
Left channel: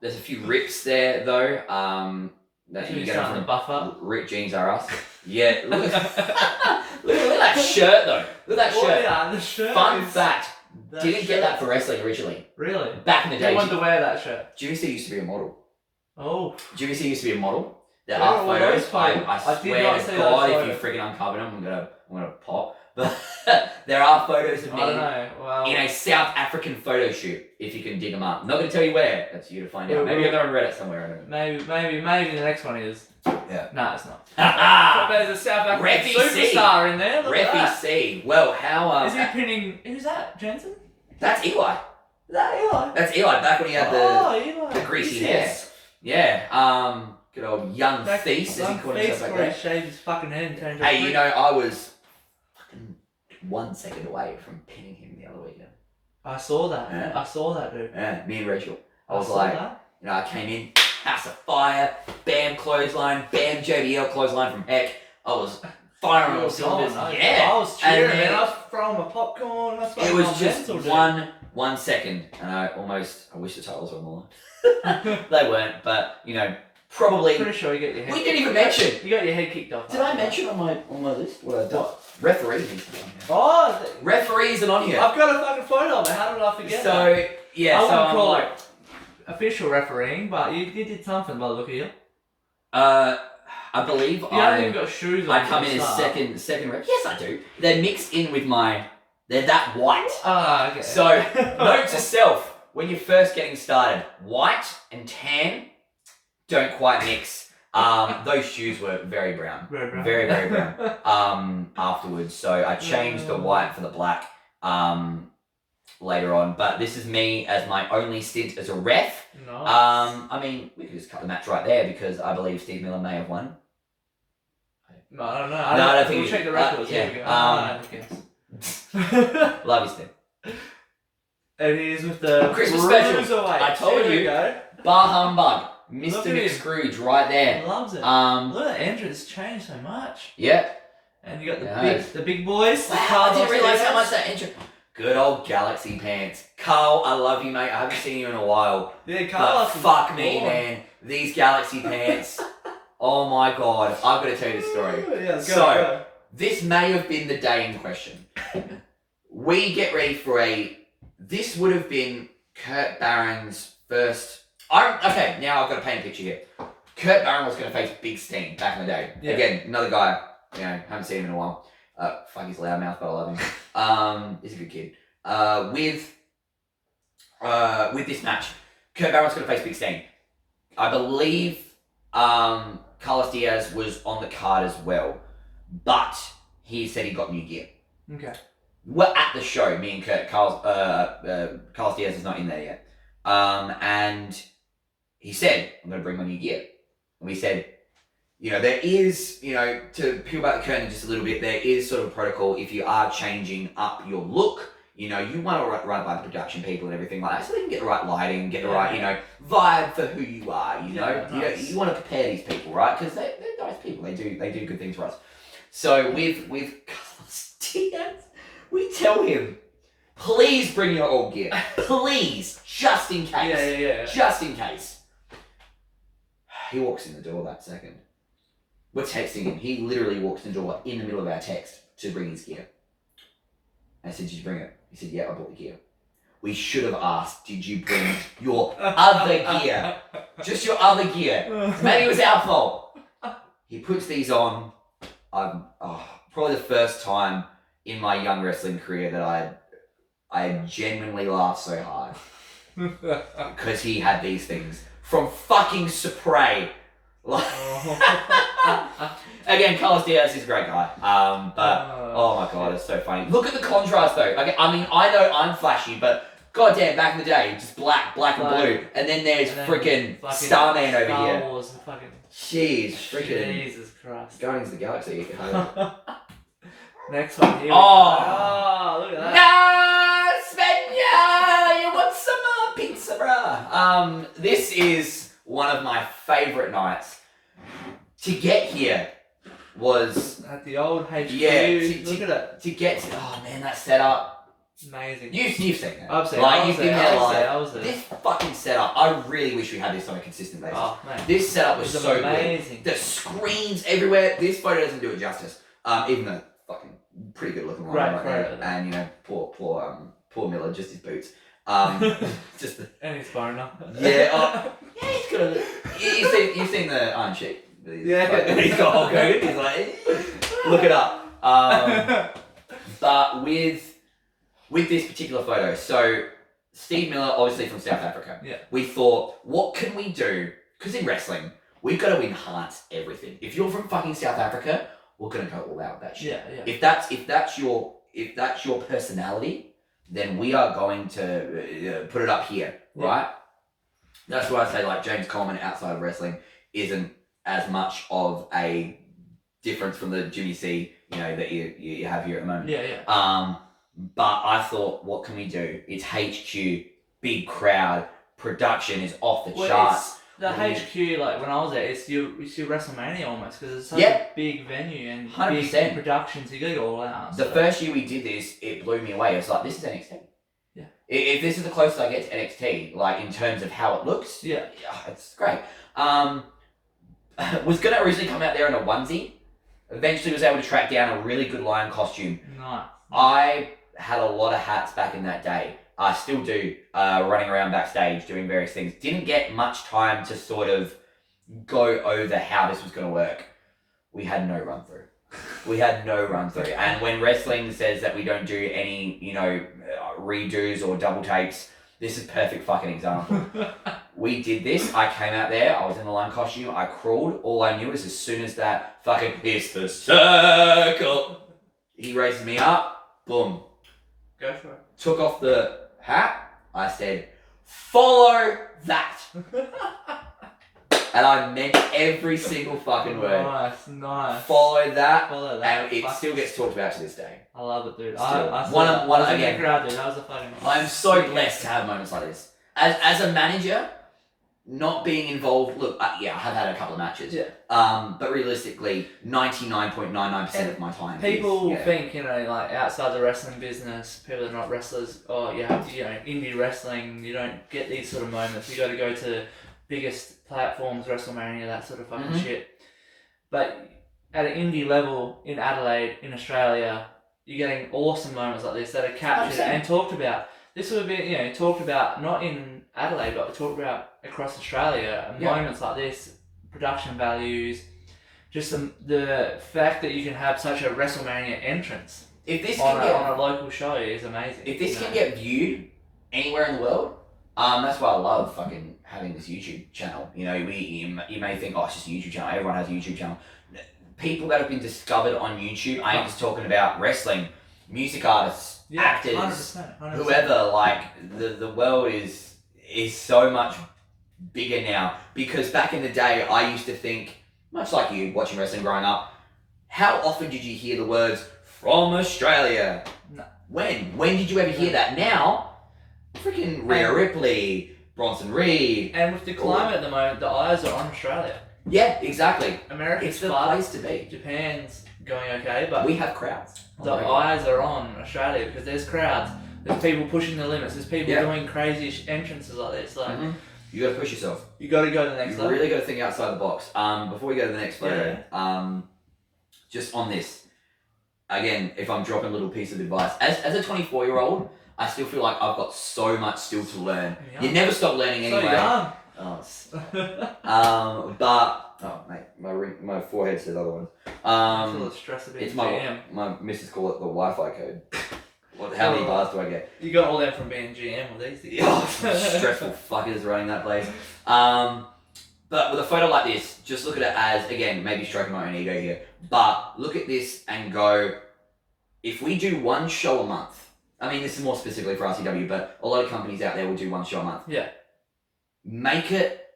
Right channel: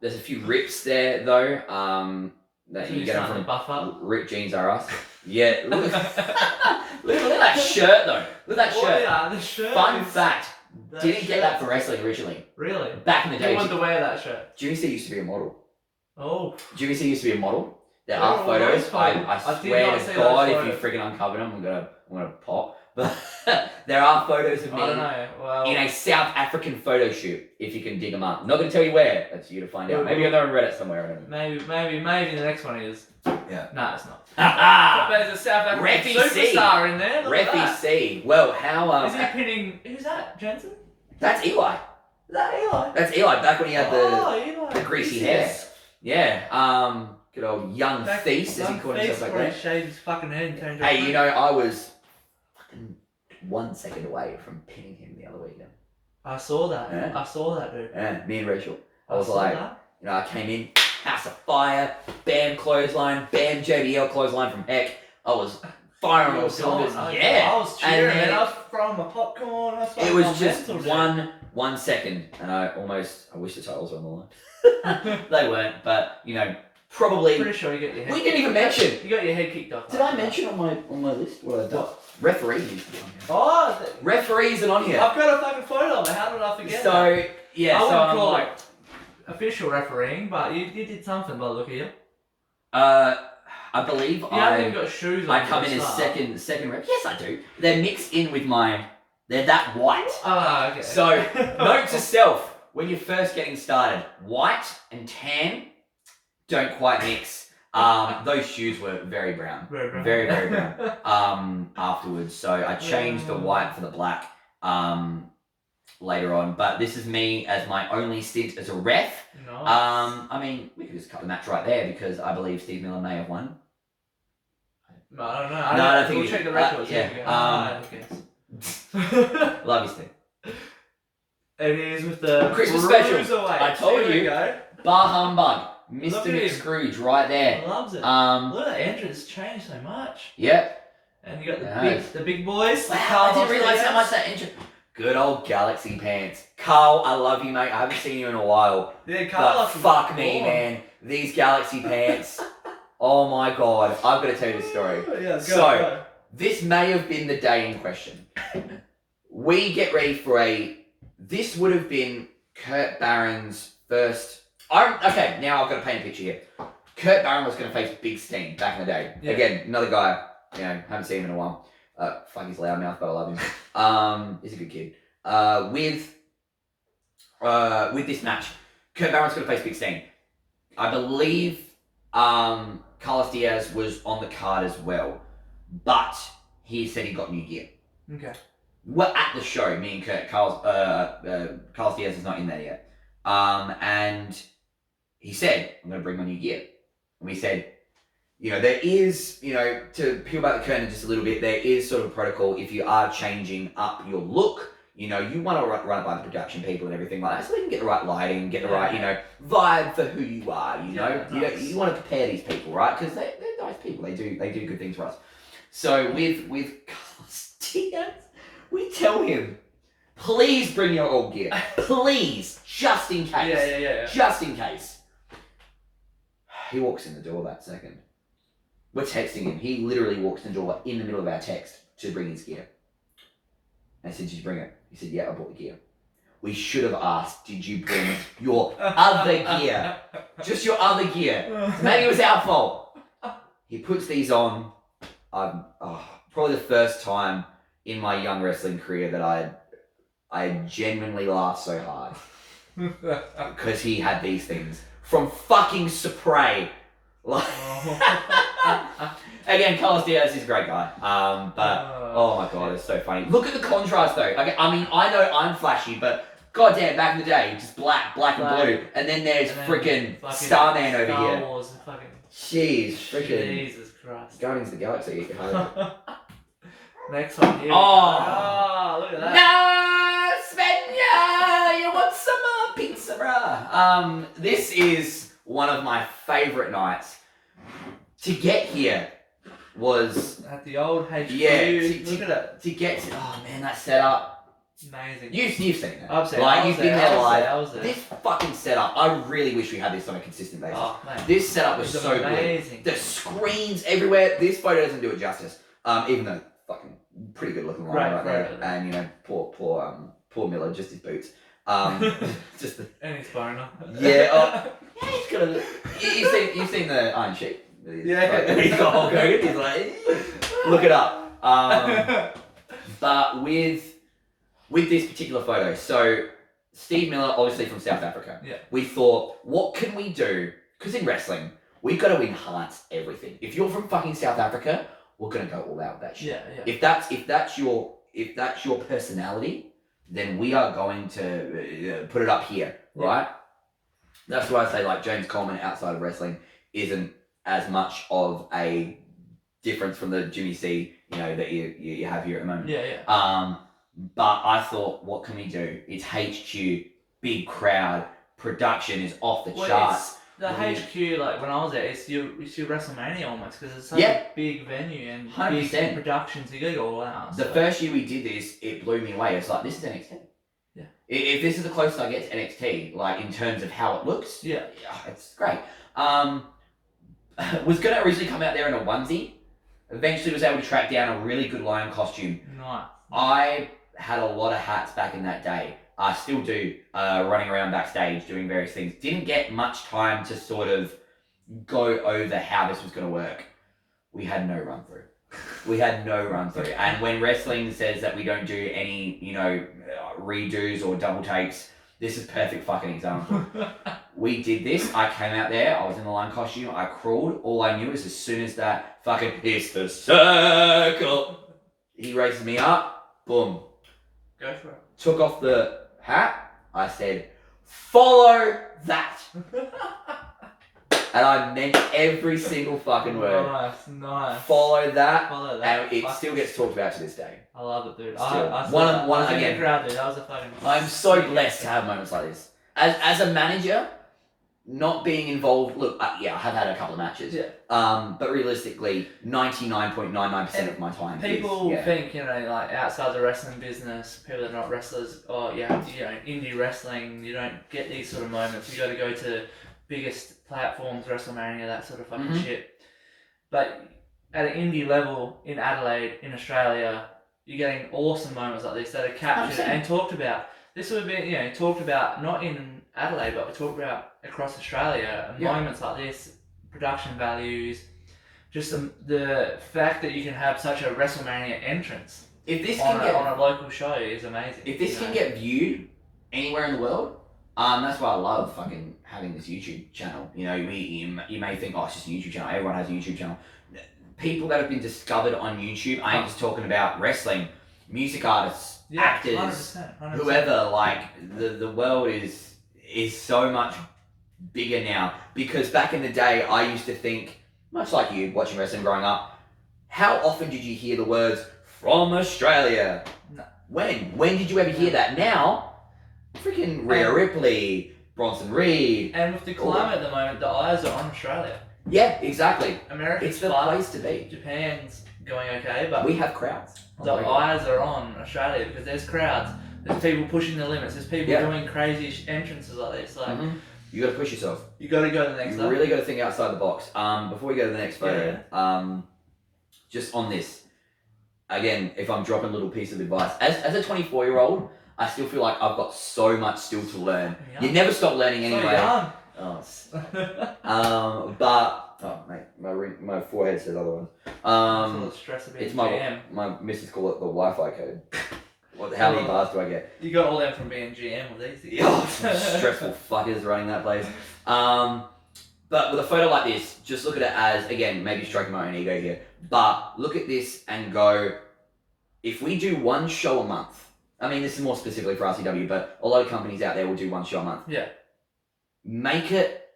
There's a few rips there though. That So you you're get starting to from buff up. ripped jeans are us. Yeah. Look at that shirt though. Look at that Oh, shirt. yeah, the shirt. Fun is- fact. that Didn't get that shirt- for wrestling originally. Really? Back in the Who day. wanted to wear that shirt? GVC used to be a model. Oh. GVC used to be a model. There Where are are all those photos. I photos? I did swear not to see God, those if you freaking uncover them, I'm gonna pop. But there are photos of I don't me know. Well, in a South African photo shoot. If you can dig them up, I'm not gonna tell you where. That's you to find out. Well, Maybe they're on Reddit somewhere. I don't know. maybe the next one is. Yeah. No, it's not. Ah, But there's a South African Reffy C. superstar in there. Look at Reffy that. C. Well, how Is he pinning? Who's that? Jensen? That's Eli. Is that Eli? That's Eli. Back when he had Eli. the greasy Yes. hair. Yeah. Good old young Back- feast, as he young called feast himself back where then. he shaved his fucking head and turned. Hey, I was fucking 1 second away from pinning him the other weekend. I saw that. Yeah. I saw that, dude. Yeah, me and Rachel. I was saw like, that. I came in, house of fire, bam clothesline, bam JBL clothesline from heck. I was firing You on were cylinders. gone, Yeah. I was cheering, And man. then- I was throwing my popcorn. I was It fucking was on just mental, dude. 1 second, and I wish the titles were on the line. They weren't, but probably. Pretty sure you got your head. We didn't even mention. You got your head kicked off. Did I mention on my list what I've done? Referee needs to be on here. Oh, Referee isn't on here. I've got a fucking photo of it. How did I forget that? So yeah, I so wouldn't I'm call like, it official refereeing, but you did something by the look of you. I believe You haven't even got shoes on. I come for in a as start. second rep. Yes, I do. They're mixed in with they're that white. Ah, okay. So note to self: when you're first getting started, white and tan don't quite mix. Those shoes were very brown. Very brown. Very, very brown. Afterwards, so I changed the white for the black. Later on, but this is me as my only stint as a ref. Nice. I mean, we could just cut the match right there because I believe Steve Miller may have won. No, I don't know. I don't think We'll you- check the records. yeah, Here we go. I guess. Love you, Steve. It is with the Christmas special. Cruiserweight. I told Here we you. go. Bar humbug, Look Mr. at him. Nick Scrooge, right there. Loves it. Um, Look at that entrance changed so much. yeah. And you got Nice. the big boys. the Wow, I Carlos didn't realize how Diaz. much that intro. Good old Galaxy pants. Carl, I love you, mate. I haven't seen you in a while. Yeah, But Carlos. is fuck me, born. man. These Galaxy pants. Oh my god. I've got to tell you this story. Yeah, go, So- go. This may have been the day in question. We get ready for this would have been Kurt Barron's first. Okay, now I've got to paint a picture here. Kurt Barron was going to face Big Steen back in the day. Yeah. Again, another guy, haven't seen him in a while. Fuck, he's loudmouth, but I love him. He's a good kid. With this match, Kurt Barron's going to face Big Steen. I believe Carlos Diaz was on the card as well, but he said he got new gear. Okay. We're at the show, me and Kurt. Carlos Diaz is not in there yet. And he said, I'm going to bring my new gear. And we said, there is, to peel back the curtain just a little bit, there is sort of a protocol if you are changing up your look. You want to run by the production people and everything like that, so you can get the right lighting, get the right, vibe for who you are. Nice. You want to prepare these people, right? Because they're nice people. They do good things for us. So with Carlos Diaz, we tell him, please bring your old gear, please, just in case. Yeah. Just in case. He walks in the door that second. We're texting him. He literally walks in the door in the middle of our text to bring his gear. And I said, did you bring it? He said, yeah, I bought the gear. We should have asked, did you bring your other gear? Just your other gear. Maybe it was our fault. He puts these on. Probably the first time in my young wrestling career that I genuinely laughed so hard. Because he had these things from fucking Supre. Again, Carlos Diaz is a great guy. But oh my god, it's so funny. Look at the contrast though. Okay, I mean, I know I'm flashy, but goddamn, back in the day, just black and blue, and then there's freaking Starman over Star here. Wars and fucking Jeez, freaking Jesus Christ. Guardians of the Galaxy. Next one here. Oh. Look at that. No, Svenja, you want some pizza, bruh? This is one of my favourite nights. To get here was At the old HQ. Look at it. to get to. Oh man, that setup. Amazing. You've seen it. I've seen it. Like, you've been there live. I was there. This fucking setup, I really wish we had this on a consistent basis. Oh, man. This setup was It's so amazing. good. The screens everywhere. This photo doesn't do it justice. Even though fucking pretty good looking line right there. And you know, poor Miller, just his boots. Just the. And his foreigner. Yeah. Yeah, he's got a. You've seen the Iron Sheik. Yeah. He's got Hulk Hogan. He's like, look it up. But with this particular photo, so Steve Miller, obviously from South Africa. Yeah. We thought, what can we do? Because in wrestling, we've got to enhance everything. If you're from fucking South Africa, we're gonna go all out with that shit. Yeah. If that's your personality, then we are going to put it up here, right? That's why I say like James Coleman outside of wrestling isn't as much of a difference from the Jimmy C, you know, that you have here at the moment. Yeah. But I thought, what can we do? It's HQ, big crowd, production is off the charts. The HQ, like when I was there, it's your WrestleMania almost, because it's such a big venue and 100%. big productions. You gotta go all out. The first year we did this, it blew me away. It's like, this is NXT. Yeah. If this is the closest I get to NXT, like in terms of how it looks, yeah, it's great. Was gonna originally come out there in a onesie. Eventually was able to track down a really good lion costume. Nice. I had a lot of hats back in that day. I still do, running around backstage doing various things. Didn't get much time to sort of go over how this was going to work. We had no run through. And when wrestling says that we don't do any, you know, redos or double takes, this is perfect fucking example. We did this. I came out there. I was in the lion costume. I crawled. All I knew is as soon as that fucking "It's the circle," he raises me up. Boom. Go for it. Took off the hat. I said, "Follow that." And I meant every single fucking word. Nice. Follow that. And it still gets talked about to this day. I love it, dude. I One again. Crowd, dude. That was a fucking. I'm so blessed to have moments like this. As a manager, not being involved. Look, I have had a couple of matches. Yeah. But realistically, 99.99% of my time. People think, you know, like outside the wrestling business, people that are not wrestlers, you have to, you know, indie wrestling. You don't get these sort of moments. You got to go to biggest platforms, WrestleMania, that sort of fucking shit. But at an indie level in Adelaide, in Australia, you're getting awesome moments like this that are captured 100%. and talked about. This would be, you know, talked about not in Adelaide, but talked about across Australia. Moments like this, production values, just the fact that you can have such a WrestleMania entrance. If this on a local show is amazing. If this can get viewed anywhere in the world, that's why I love fucking having this YouTube channel. You know, you may think, oh, it's just a YouTube channel. Everyone has a YouTube channel. People that have been discovered on YouTube, I ain't just talking about wrestling, music artists, actors, 100%. whoever. Like the world is so much bigger now. Because back in the day, I used to think, much like you watching wrestling growing up, how often did you hear the words "from Australia"? No. When did you ever hear that? Now, freaking Rhea Ripley, Bronson Reed. And with the climate at the moment, the eyes are on Australia. Yeah, exactly. America's It's the place to be. Japan's going okay, but we have crowds. the eyes are on Australia because there's crowds. There's people pushing the limits. There's people doing crazy entrances like this. Like you got to push yourself. You got to go to the next level. You really got to think outside the box. Before we go to the next photo, just on this, again, if I'm dropping a little piece of advice, as a 24-year-old, I still feel like I've got so much still to learn. You never stop learning anyway. So young. Mate, my forehead says otherwise. Stress of it's my missus call it the Wi-Fi code. How many bars do I get? You got all that from being GM with these. Stressful fuckers running that place. But with a photo like this, just look at it as, again, maybe stroking my own ego here, but look at this and go, if we do one show a month, I mean, this is more specifically for RCW, but a lot of companies out there will do one show a month. Yeah. Make it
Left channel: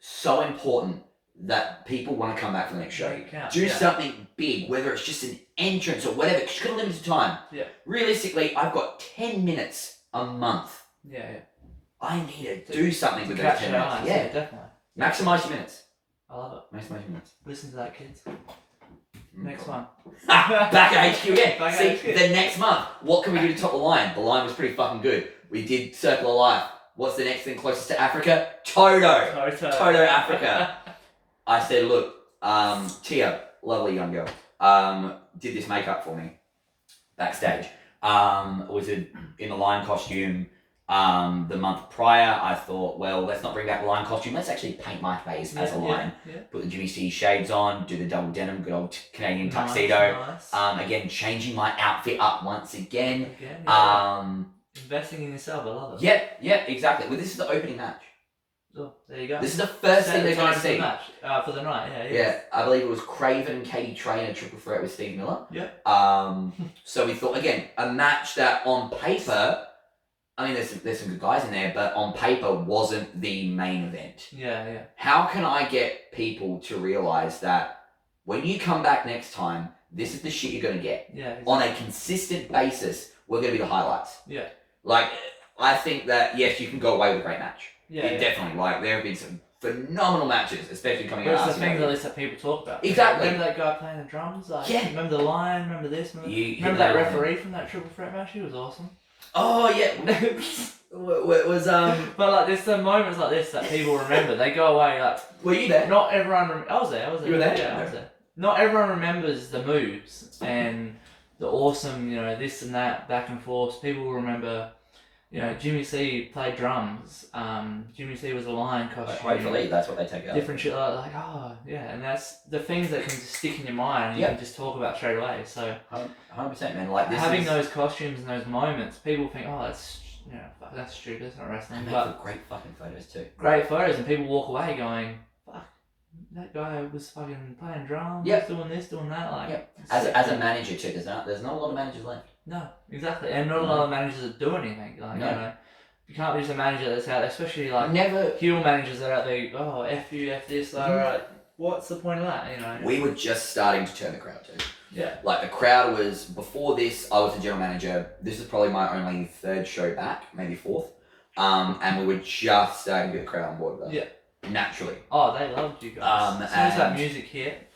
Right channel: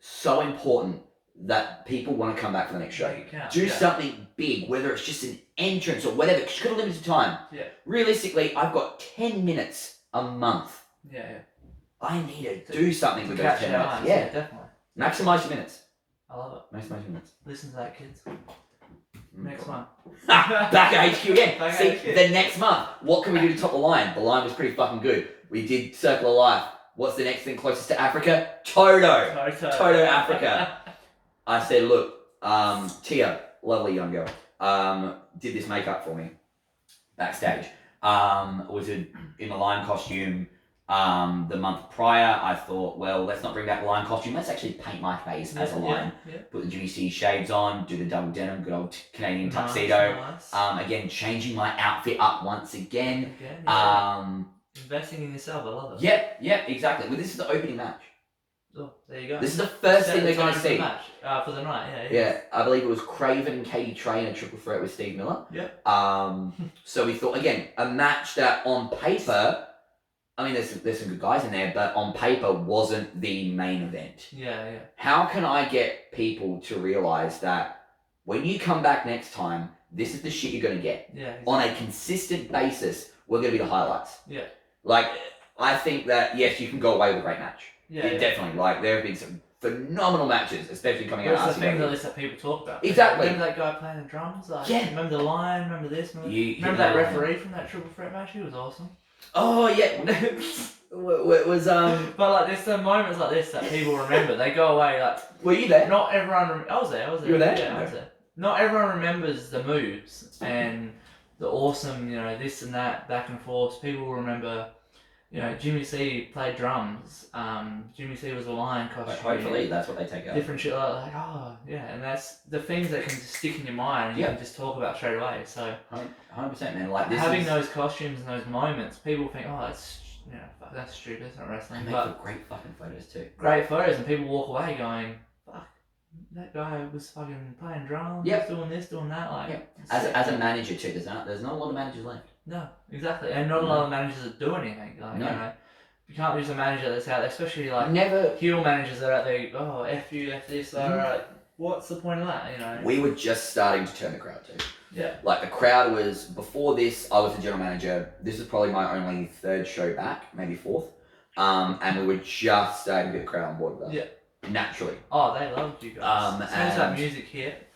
so important that people want to come back for the next show. Yeah. Do something big, whether it's just an entrance or whatever. Just got a limited time. Yeah. Realistically, I've got 10 minutes a month. Yeah. I need to do something with those 10 minutes. Yeah, definitely. Maximize your minutes. I love it. Maximize your minutes. Listen to that, kids. Next one. Back at HQ again. Back See, at HQ. the next month, what can we do to top the line? The line was pretty fucking good. We did Circle of Life. What's the next thing closest to Africa? Toto. Toto Africa. I said, look, Tia, lovely young girl, did this makeup for me backstage. Was in the lion costume. The month prior, I thought, well, let's not bring back the lion costume. Let's actually paint my face as a lion. Yeah. Put the Jimmy C shades on, do the double denim, good old Canadian tuxedo. Nice. Again, changing my outfit up once again. Investing in yourself, I love it. Yep, exactly. Well, this is the opening match. Oh, there you go. This is the first thing they're going to see. For the night, Yeah, I believe it was Craven, Katie Trainer, triple threat with Steve Miller. Yep. So we thought, again, a match that on paper, I mean, there's some good guys in there, but on paper wasn't the main event. Yeah. How can I get people to realise that when you come back next time, this is the shit you're going to get? Yeah. Exactly. On a consistent basis, we're going to be the highlights. Yeah. Like, I think that, yes, you can go away with a great match. Yeah. Definitely. Like, there have been some phenomenal matches, especially coming out of It's the things at least that people talk about. Exactly. Remember that guy playing the drums? Remember the lion? Remember this? Remember that referee from that triple threat match? He was awesome. Oh, yeah. It was, But, like, there's some moments like this that people remember. They go away, like... Were you there? Not everyone... I was there. You were there? Yeah, I was there. Not everyone remembers the moves and the awesome, this and that, back and forth. People will remember... Jimmy C played drums. Jimmy C was a lion costume. Hopefully, that's what they take out. Different shit like, and that's the things that can just stick in your mind and you can just talk about straight away. So 100%, man. Like having those costumes and those moments, people think, that's stupid, that's not wrestling. But great fucking photos too. Great photos, and people walk away going, fuck, that guy was fucking playing drums, doing this, doing that. Like, as a manager too, there's not a lot of managers left. No, exactly, and not a lot of managers that do anything. Like, you can't use a manager that's out there, especially like heel managers that are out there. Oh, f you, f this. Like, what's the point of that? We were just starting to turn the crowd too. Yeah. Like the crowd was before this. I was the general manager. This is probably my only third show back, maybe fourth. And we were just starting to get the crowd on board with that. Yeah. Naturally. Oh, they loved you guys. As soon as that music hit,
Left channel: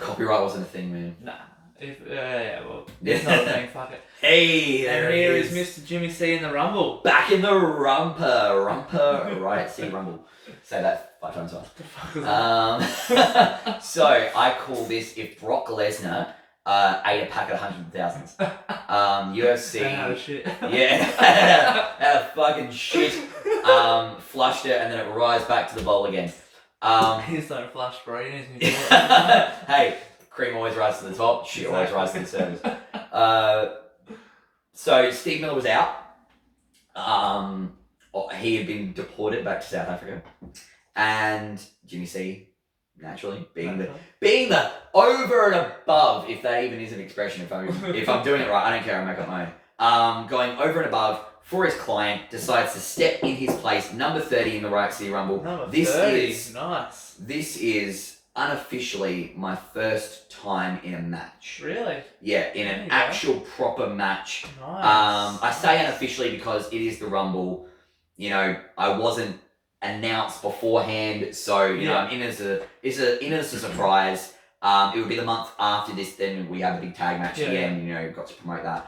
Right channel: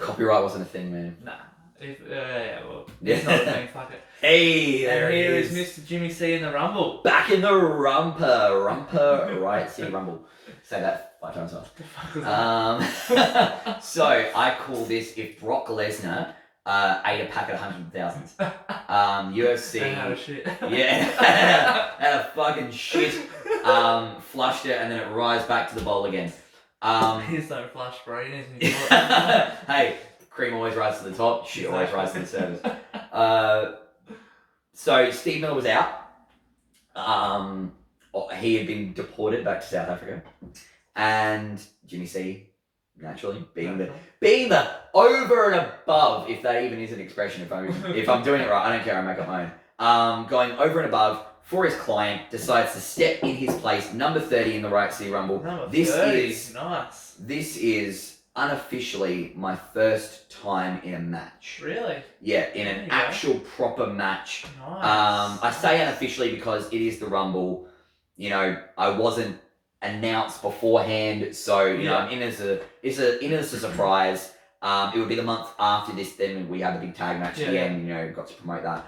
copyright wasn't a thing, man. Nah. It's not a thing, fuck it. Hey, and here is Mr. Jimmy C in the Rumble. Back in the Rumper, Riot City Rumble. Say that 5 times fast. So I call this if Brock Lesnar ate a pack of 100,000s. UFC. Had a fucking shit. Flushed it and then it rises back to the bowl again. Please don't flush, bro. Hey. Cream always rises to the top, shit always rises to the surface. So Steve Miller was out. He had been deported back to South Africa. And Jimmy C, naturally, being the over and above, if that even is an expression, if I'm doing it right, I don't care, I make up my own. Going over and above for his client, decides to step in his place, number 30 in the Riot City Rumble. This 30, nice. This is unofficially my first time in a match. Really? Yeah, in an actual proper match. Nice. I say unofficially because it is the Rumble. I wasn't announced beforehand, so I'm in as a surprise. It would be the month after this, then we have a big tag match again. Got to promote that.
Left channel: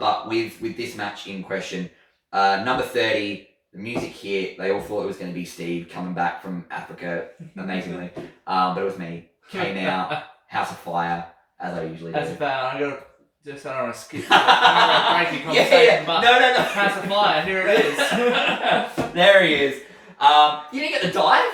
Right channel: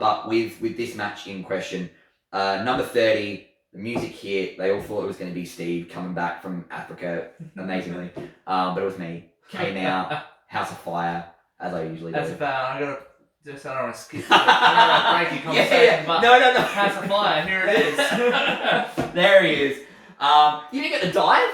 But with this match in question, number 30. The music hit. They all thought it was going to be Steve coming back from Africa, amazingly. But it was me. Came out, House of Fire, as I usually do. That's about. I don't want to skip. I don't want to conversation. But no. House of Fire. Here it is. There he is. You didn't get the dive?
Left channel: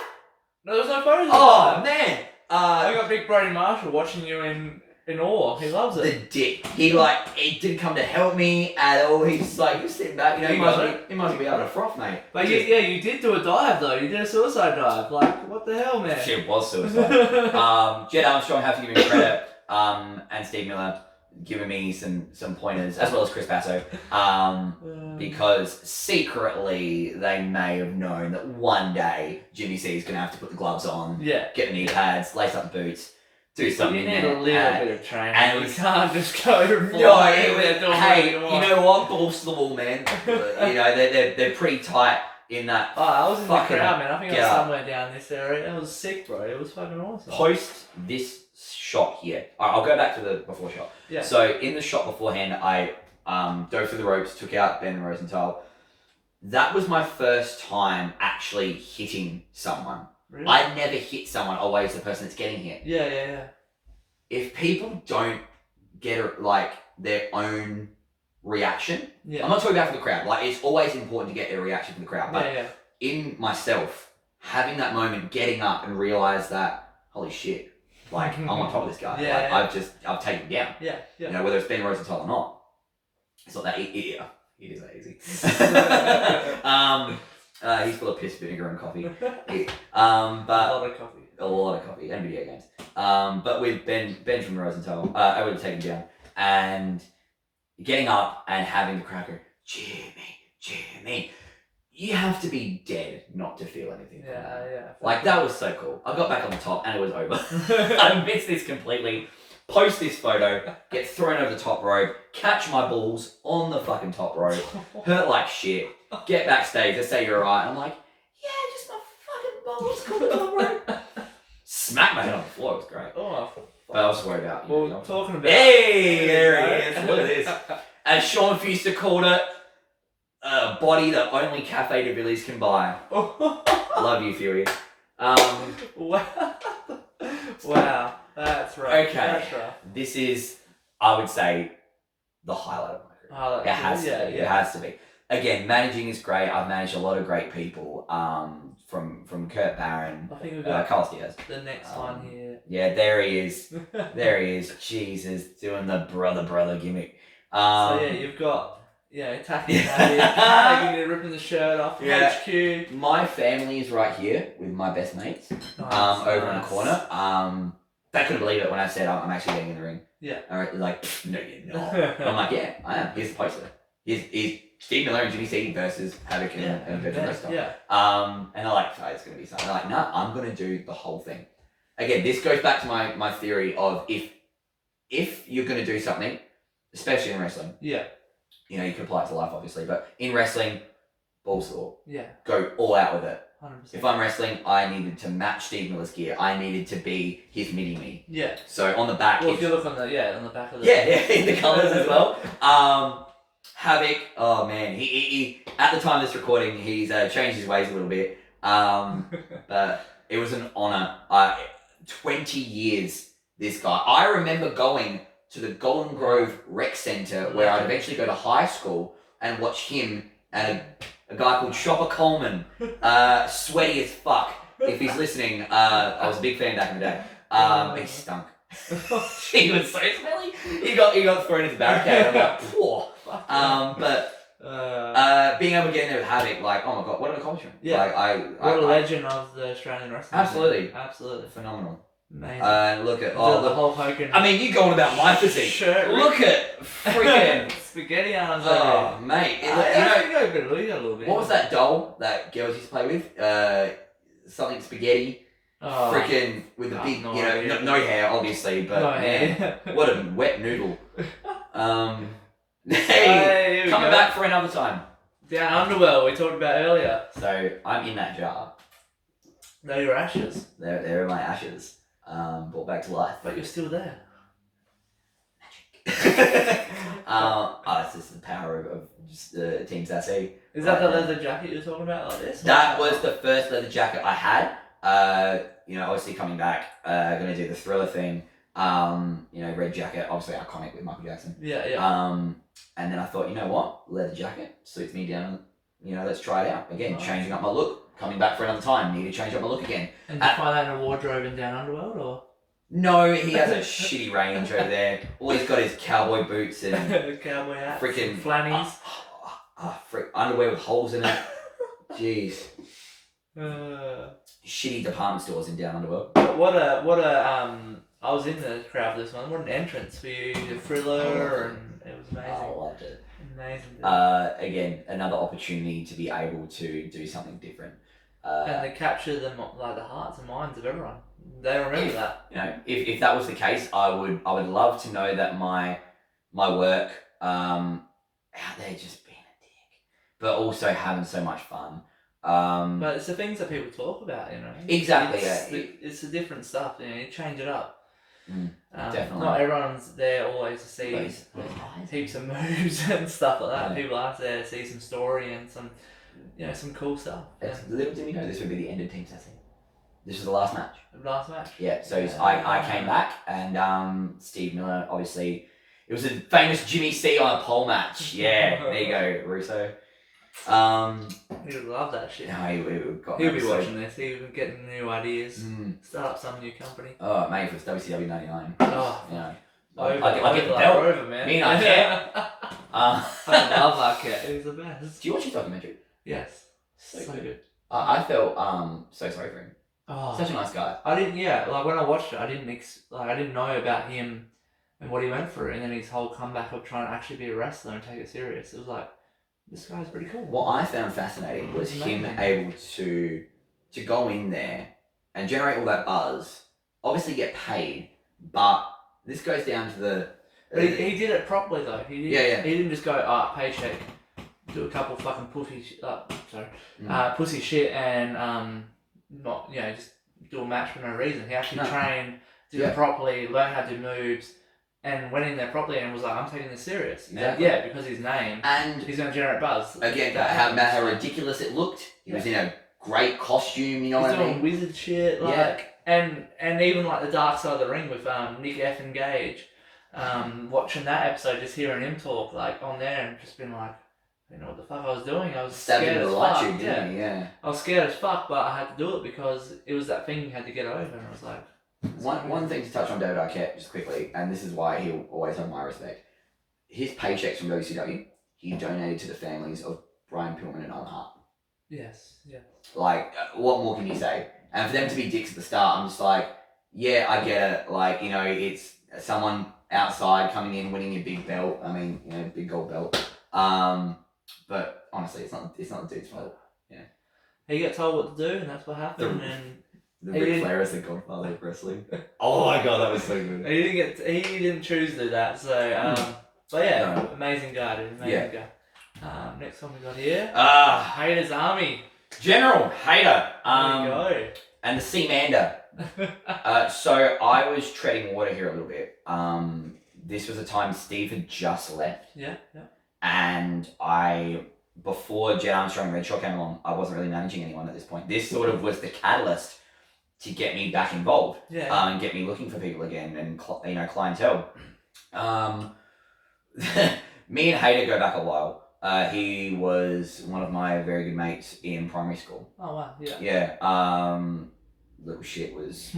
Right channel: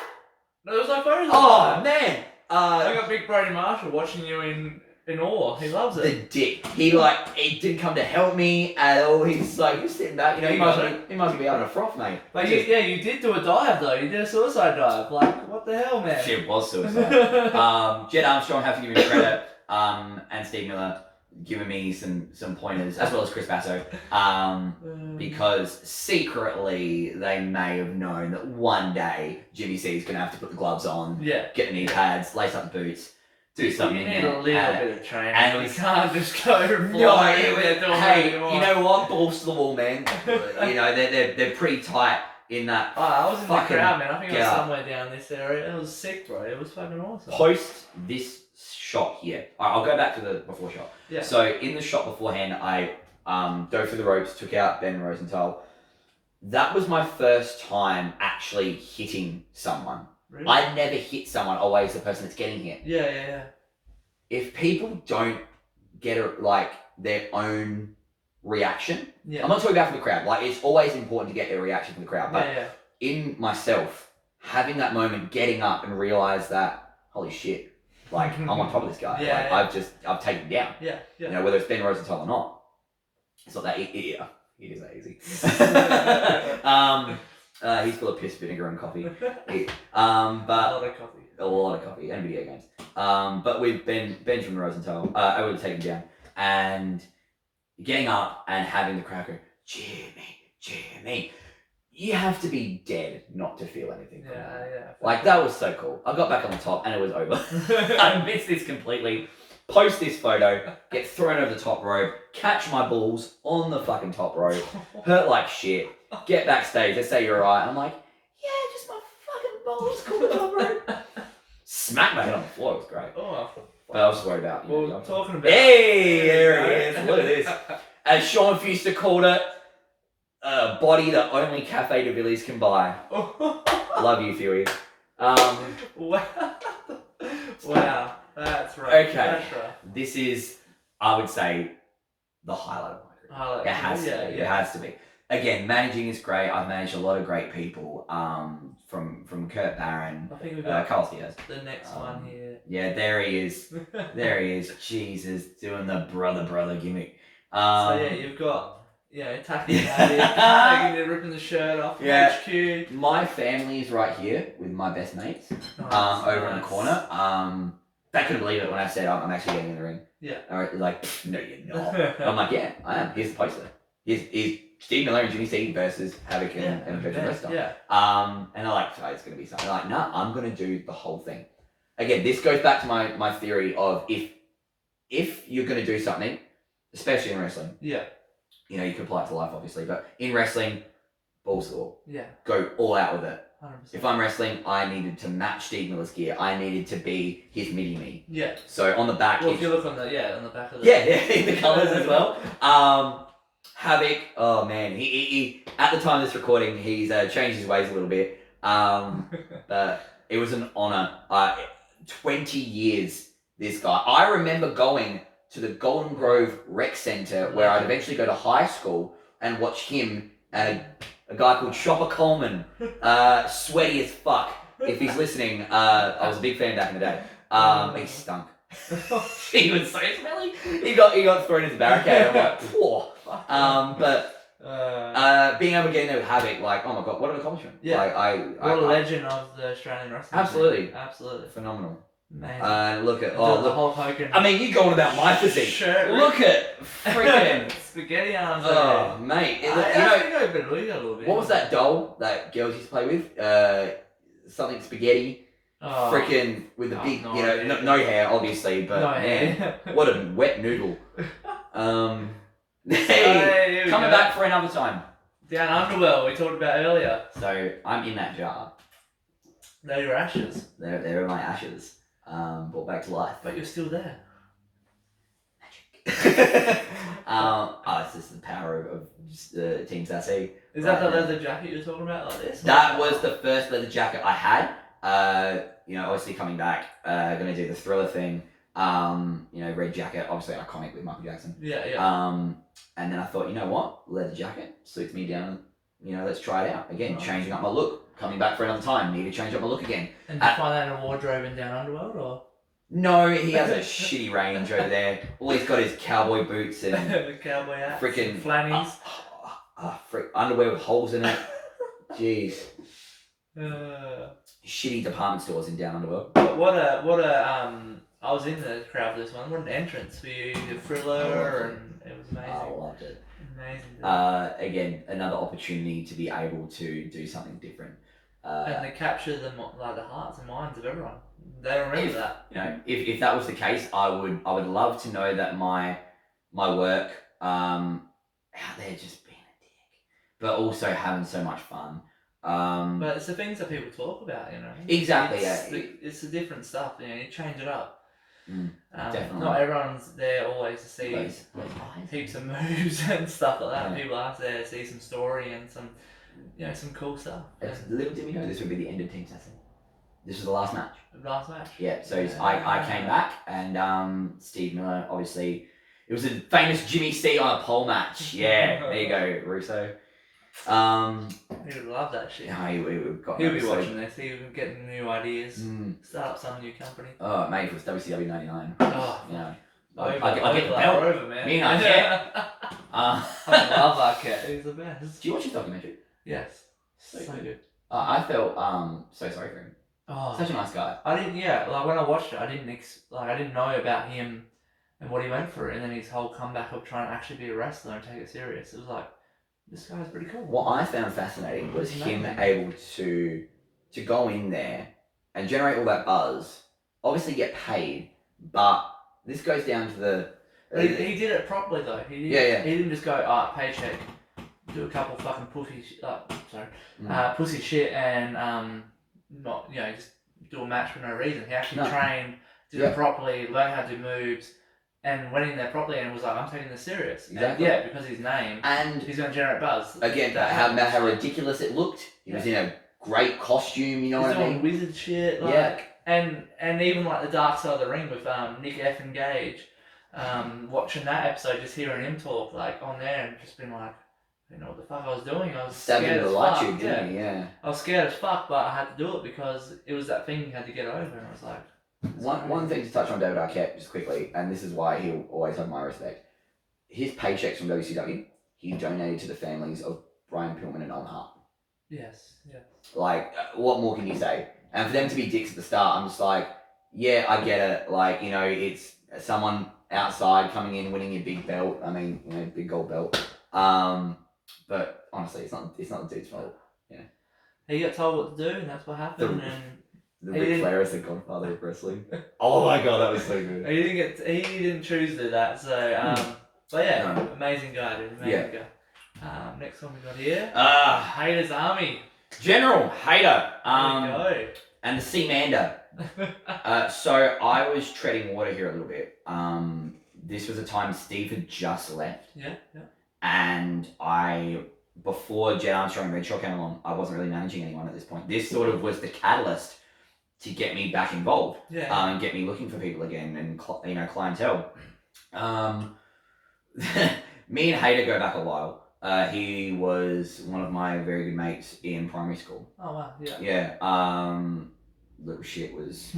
No, there was no photos. Oh man. I got Big Brady Marshall watching you in awe. He loves it. The dick. He didn't come to help me at all. He's like, you're sitting back. He must be able to froth, mate. But you did do a dive though. You did a suicide dive. Like, what the hell, man? Shit was suicide. Jed Armstrong, have to give him credit. And Steve Miller. given me some pointers, as well as Chris Basso, because secretly they may have known that one day Jimmy C is going to have to put the gloves on, get the knee pads, lace up the boots, do something. You need a little bit of training. And you can't just go hey, you know what? Balls to the wall, man. You know, they're pretty tight in that. Oh, I was in the fucking crowd, man. I think I was somewhere down this area. It was sick, bro. It was fucking awesome. Post this shot here. I'll go back to the before shot. Yeah. So in the shot beforehand, I dove through the ropes, took out Ben Rosenthal. That was my first time actually hitting someone. Really? I never hit someone, always the person that's getting hit. Yeah. If people don't get like their own reaction, I'm not talking about for the crowd. Like, it's always important to get their reaction from the crowd. But in myself, having that moment, getting up and realize that, holy shit, like I'm on top of this guy. I've taken him down. Yeah. You know, whether it's Ben Rosenthal or not. It's not that easy. It is that easy. He's full of piss, vinegar, and coffee. But a lot of coffee and video games. But with Ben from Rosenthal, I would have taken him down, and getting up and having the crowd go, Jimmy, you have to be dead not to feel anything. Yeah. Like, that was so cool. I got back on the top and it was over. I missed this completely. Post this photo, get thrown over the top rope, catch my balls on the fucking top rope, hurt like shit, get backstage, they say you're alright. I'm like, yeah, just my fucking balls on the top rope. Smack my head on the floor, it was great. Oh, but I was just worried about you. Well, talking about... Hey, there he is. Look at this. As Sean Fuster called it, a body that only Cafe de Villiers can buy. Love you, Fury. Wow. That's right. Okay. That's right. This is, I would say, the highlight of my career. It has to be. It has to be. Again, managing is great. I've managed a lot of great people. From Kurt Barron, I think we've got Carlos Diaz. The next one here. Yeah, there he is. There he is. Jesus, doing the brother gimmick. So yeah, you've got attacking it, ripping the shirt off. HQ. My family is right here with my best mates. Over in the corner. They couldn't believe it when I said I'm actually getting in the ring. Yeah. They're like, no, you're not. I'm like, yeah, I am. Here's the poster. Here's Steve Miller and Jimmy C versus Havoc and Virgin Resta. Yeah. And they're like, oh, it's going to be something. They're like, nah, I'm going to do the whole thing. Again, this goes back to my theory of if you're going to do something, especially in wrestling. Yeah. You know, you can apply it to life, obviously, but in wrestling, balls to the wall. Yeah. Go all out with it. 100%. If I'm wrestling, I needed to match Steve Miller's gear. I needed to be his mini-me. Yeah. So on the back... Well, if you look on the back of the... Yeah, in the colours as well. Havoc, oh man, he at the time of this recording, he's changed his ways a little bit. But it was an honour. 20 years, this guy. I remember going to the Golden Grove Rec Centre where I'd eventually go to high school and watch him and a guy called Chopper Coleman, sweaty as fuck. If he's listening, I was a big fan back in the day. He stunk. He was so smelly. He got thrown into the barricade. I'm like, poor. But being able to get in there with Havoc, like, oh my god, what an accomplishment! Yeah, like, what a legend of the Australian wrestling. Absolutely phenomenal. Amazing. Look at the whole Hogan. I mean, you going about my physique? Shirt. Look at freaking spaghetti arms. Oh mate, you got a little bit. What was that doll that girls used to play with? Something spaghetti. Oh, freaking with the big, no hair, obviously, but man, what a wet noodle. Hey, coming back for another time. Down Underworld, we talked about earlier. So I'm in that jar. They're your ashes. They're my ashes. Brought back to life. But you're still there. Magic. It's just the power of just Team Sassy. Is that the leather jacket you were talking about like this? That was the first leather jacket I had. Obviously coming back, gonna do the Thriller thing. Red jacket, obviously iconic with Michael Jackson. Yeah. And then I thought, you know what, leather jacket suits me down. Let's try it out again. Nice. Changing up my look. Coming back for another time. Need to change up my look again. And did you find that in a wardrobe in Down Underworld, or? No, he has a shitty range over there. All he's got is cowboy boots and cowboy hats, freaking flannies, underwear with holes in it. Jeez. Uh, Shitty department stores in Down Underworld. What a I was in the crowd for this one. What an entrance for you, the Thriller, and it was amazing. I loved it. Amazing. Again, another opportunity to be able to do something different. And they capture the hearts and minds of everyone. They remember that. You know, if that was the case, I would love to know that my work out there just being a dick, but also having so much fun. But it's the things that people talk about, you know. Exactly. It's the different stuff. You know, you change it up. Definitely. Not everyone's there always to see Those heaps of moves and stuff like that. Yeah. People are there to see some story and some, you know, some cool stuff. Little did we know this would be the end of Team Sassy. This was the last match. Last match. Yeah. So I came back and Steve Miller, obviously, it was a famous Jimmy C on a pole match. Yeah. There you go, Russo. He would love that shit. No, He'll be watching this. He'll be getting new ideas. Start up some new company. Oh, mate, if it was WCW 99. Oh, You know, I get the belt. Over, man. Me and Arquette. I love Arquette. He's the best. Do you watch his documentary? Yes. So good. I felt so sorry for him. Oh, Such a nice guy. I didn't. Yeah, like when I watched it, I didn't know about him and what he went through, and then his whole comeback of trying to actually be a wrestler and take it serious. It was like, this guy's pretty cool. What I found fascinating was him Amazing. able to go in there and generate all that buzz. Obviously get paid, but this goes down to the. But he did it properly though. He didn't just go, paycheck, do a couple fucking pussy shit and not, you know, just do a match for no reason. He actually trained, did it properly, learned how to do moves, and went in there properly and was like, I'm taking this serious. Exactly. And because his name, and he's going to generate buzz. Again, how ridiculous it looked. He was in a great costume, you know what I mean? He's doing wizard shit, and even like the Dark Side of the Ring with Nick F. and Gage, watching that episode, just hearing him talk like on there and just being like, I didn't know what the fuck I was doing. I was scared as fuck. I was scared as fuck, but I had to do it because it was that thing you had to get over, and I was like. One thing to touch on David Arquette just quickly, and this is why he'll always have my respect. His paychecks from WCW, he donated to the families of Brian Pillman and Owen Hart. Yes, yeah. Like, what more can you say? And for them to be dicks at the start, I'm just like, yeah, I get it. Like, you know, it's someone outside coming in, winning your big belt. I mean, you know, big gold belt. But honestly, it's not the dude's fault. Yeah. He got told what to do, and that's what happened. The Ric Flair is the godfather of wrestling. Oh my god, that was so good. He didn't choose to do that. So, but yeah, no. Amazing guy, dude. Amazing guy. Next one we got here. Hater's Army. General Hater. There we go. And the Seamander. So I was treading water here a little bit. This was a time Steve had just left. Yeah. And before Jet Armstrong and Redshaw came along, I wasn't really managing anyone at this point. This sort of was the catalyst to get me back involved. Yeah. And get me looking for people again and clientele. Me and Hater go back a while. He was one of my very good mates in primary school. Oh wow, yeah. Yeah. Little shit was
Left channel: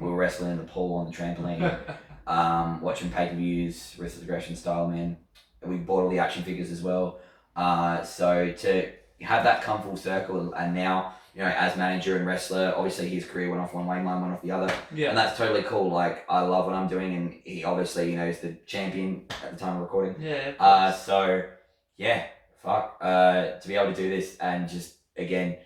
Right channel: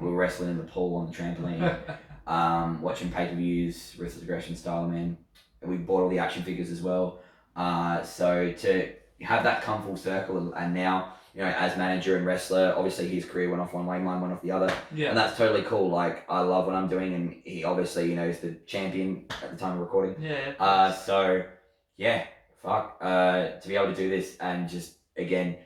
we were wrestling in the pool on the trampoline, watching pay-per-views, Wrestlers Aggression style, man. We bought all the action figures as well. So to have that come full circle, and now, you know, as manager and wrestler, obviously his career went off one way, mine went off the other. Yeah. And that's totally cool. Like, I love what I'm doing, and he obviously, you know, is the champion at the time of recording. Yeah. So yeah, fuck. To be able to do this and just, again,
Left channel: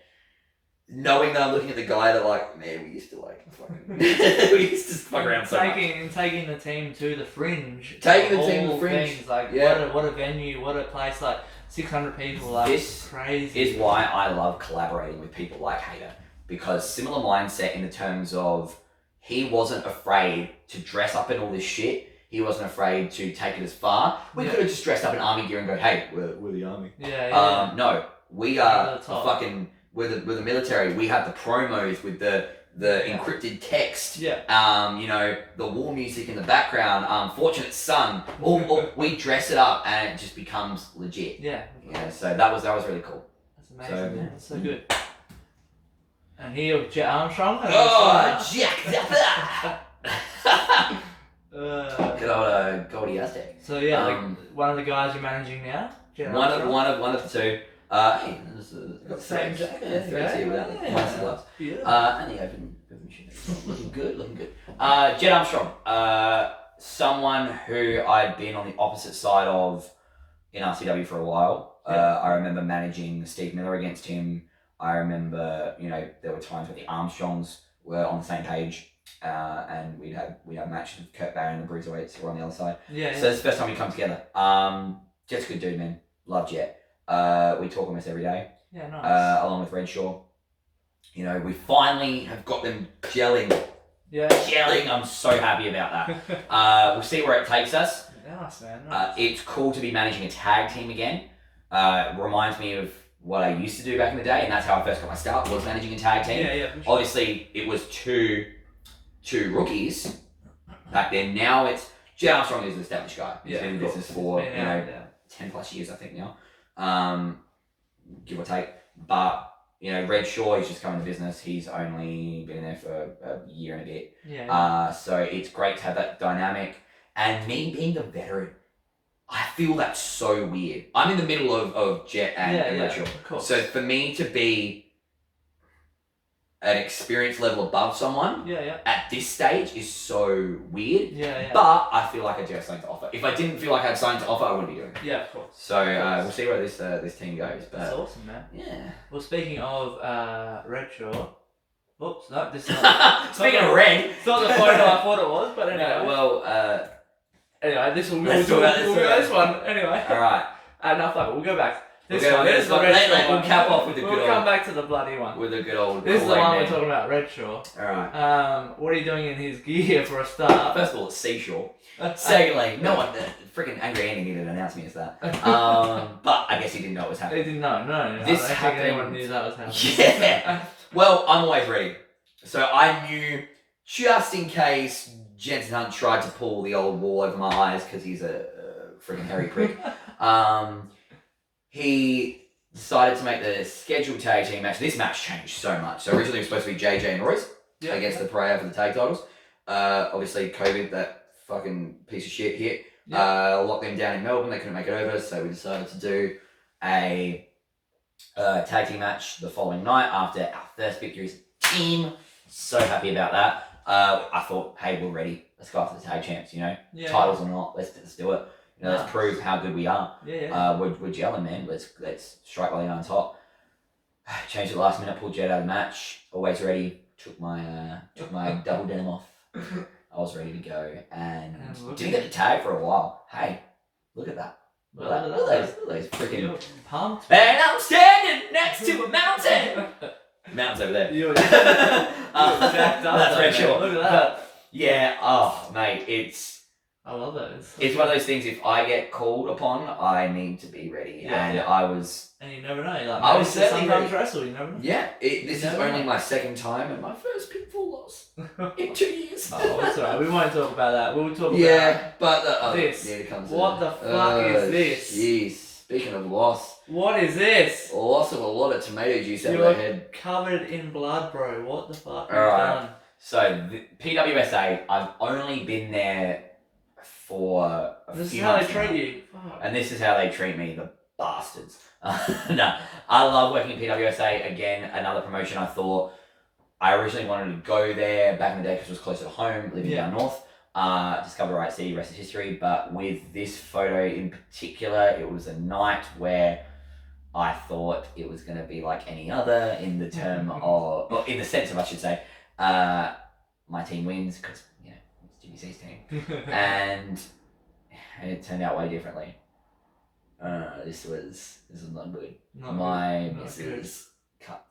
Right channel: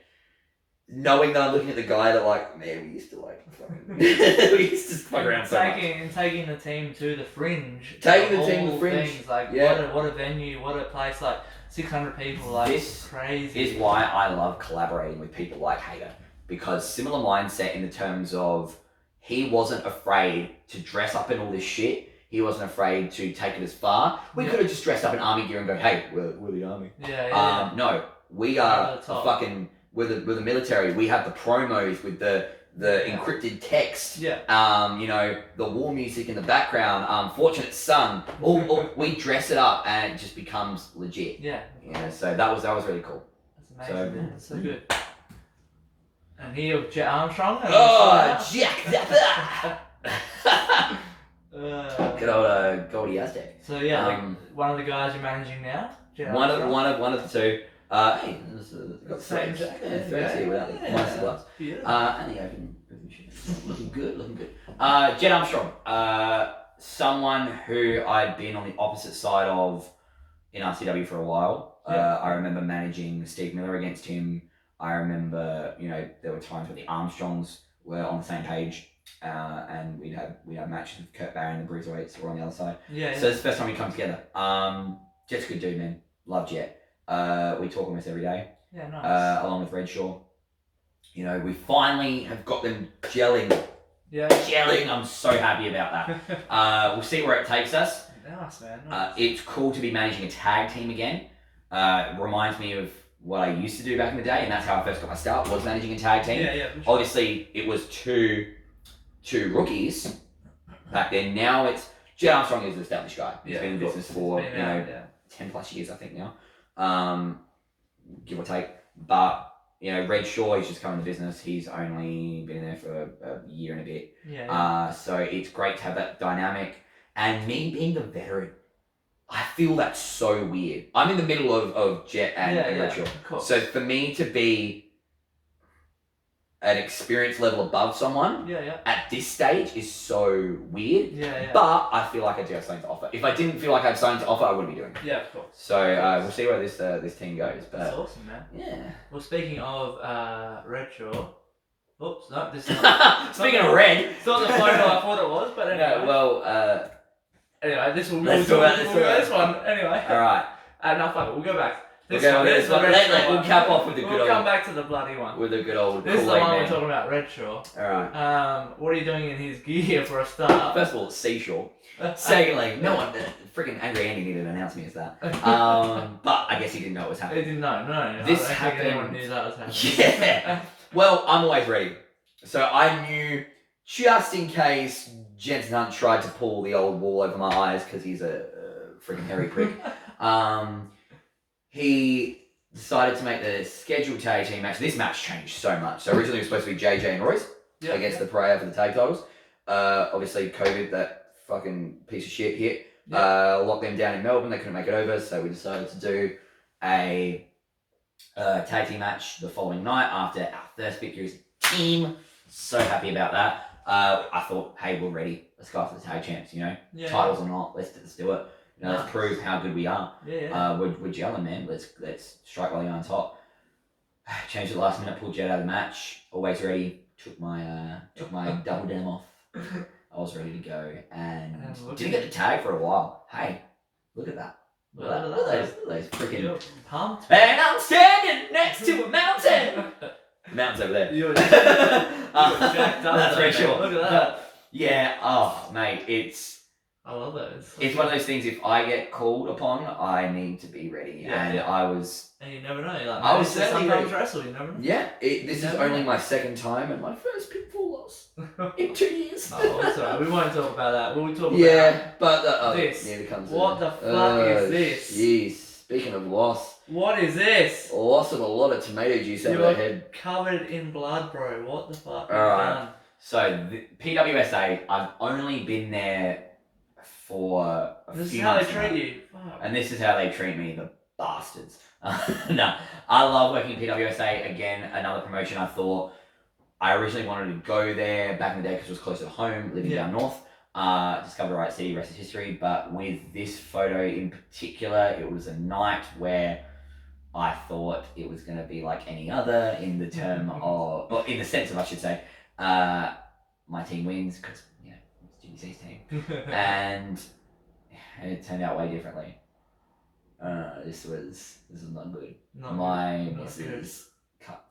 knowing that I'm looking at the guy that, like, man, we used to fucking we used to fuck around so much. And taking the team to the Fringe. Taking the team to the Fringe. Things, like, what a venue, what a place, like 600 people, like, this crazy. Is why I love collaborating with people like Hater, because similar mindset in the terms of he wasn't afraid to dress up in all this shit. He wasn't afraid to take it as far. We could have just dressed up in army gear and go, hey, we're the army. Yeah. No, we are we're the military. We have the promos with the encrypted text. Yeah. You know, the war music in the background. Fortunate Son. We dress it up and it just becomes legit. Yeah. You know, so that was really cool. That's amazing. Man. That's so good. And here, Jet Armstrong. Jack. Good old Goldie Aztec. So yeah, one of the guys you're managing now. One of the two. Hey, got Same threads. jacket. Yeah, threads here without the nice gloves. Yeah. And the open shit. Looking good. Jed Armstrong. Someone who I'd been on the opposite side of in RCW for a while. I remember managing Steve Miller against him. I remember, there were times where the Armstrongs were on the same page, and we'd have matches with Kurt Barry and the Bruiserweights were on the other side. Yeah. So it's the first time we come together. Jet's a good dude, man. Love Jet. We talk almost every day. Yeah, nice. Along with Redshaw. We finally have got them gelling. Yeah. Gelling. I'm so happy about that. We'll see where it takes us. Nice, man. Nice. It's cool to be managing a tag team again. Reminds me of what I used to do back in the day, and that's how I first got my start, was managing a tag team. Yeah. Sure. Obviously, it was two rookies back then. Now it's Jed Armstrong is an established guy. He's been in the business for 10 plus years, I think now, give or take. But Red Shaw, he's just come into business. He's only been in there for a year and a bit. Yeah. So it's great to have that dynamic. And me being the veteran, I feel that's so weird. I'm in the middle of Jet and Red Shaw. Of course. So for me to be an experience level above someone at this stage is so weird. But I feel like I do have something to offer. If I didn't feel like I had something to offer, I wouldn't be doing it. Yeah, of course. So we'll see where this team goes. But that's awesome, man. Yeah. Well, speaking of Redshaw. Oops, no, this is not. Speaking of red. It's not the photo I thought it was, but anyway. Anyway, we'll do this one. Anyway. Alright. No, fuck it, we'll go back. We'll cap off with the good old... We'll come back to the bloody one. With the good old... This is the one we're talking about, Redshaw. Alright. What are you doing in his gear for a start? First of all, it's Seashore. Secondly, no one... Freaking Angry Andy didn't announce me as that. But I guess he didn't know what was happening. He didn't know, no. This I don't happened... think anyone knew that was happening. Yeah. Well, I'm always ready. So I knew, just in case Jensen Hunt tried to pull the old wool over my eyes because he's a freaking hairy prick, he decided to make the scheduled tag team match. This match changed so much. So originally it was supposed to be JJ and Royce against the Pariah for the tag titles. Obviously COVID, that fucking piece of shit hit. Locked them down in Melbourne. They couldn't make it over, so we decided to do a tag team match the following night after our first victory as a team. So happy about that. I thought, hey, we're ready. Let's go after the tag champs, titles or not. Let's do it. Let's prove how good we are. We're gelling, man. Let's strike while you're on top. Changed at the last minute, pulled Jet out of the match. Always ready. Took my double denim off. I was ready to go and didn't get the tag for a while. Hey, look at that. Look at those freaking pumped. And I'm standing next to a mountain. The mountain's over there. You're jacked up. That's very sure. Look at that. Yeah, oh mate, I love it. It's one of those things, if I get called upon, I need to be ready. I was... And you never know. You're like, I was certainly sometimes wrestle, you never know. Yeah, this is only my second time and my first pitfall loss in 2 years. Oh, it's alright. We won't talk about that. We'll talk about but this. Yeah, it comes what the fuck is this? Jeez. Speaking of loss. What is this? Loss of a lot of tomato juice over the head. Covered in blood, bro. What the fuck? Alright. So, PWSA, I've only been there for a few months. This is how they treat you. Fuck. And this is how they treat me, the bastards. No, I love working at PWSA. Again, another promotion. I originally wanted to go there back in the day because it was closer to home, living down north. Discovered the right city, rest is history. But with this photo in particular, it was a night where I thought it was going to be like any other in the term of, or in the sense of, I should say, my team wins because, it's Jimmy C's team. And it turned out way differently. This was not good. My missus cut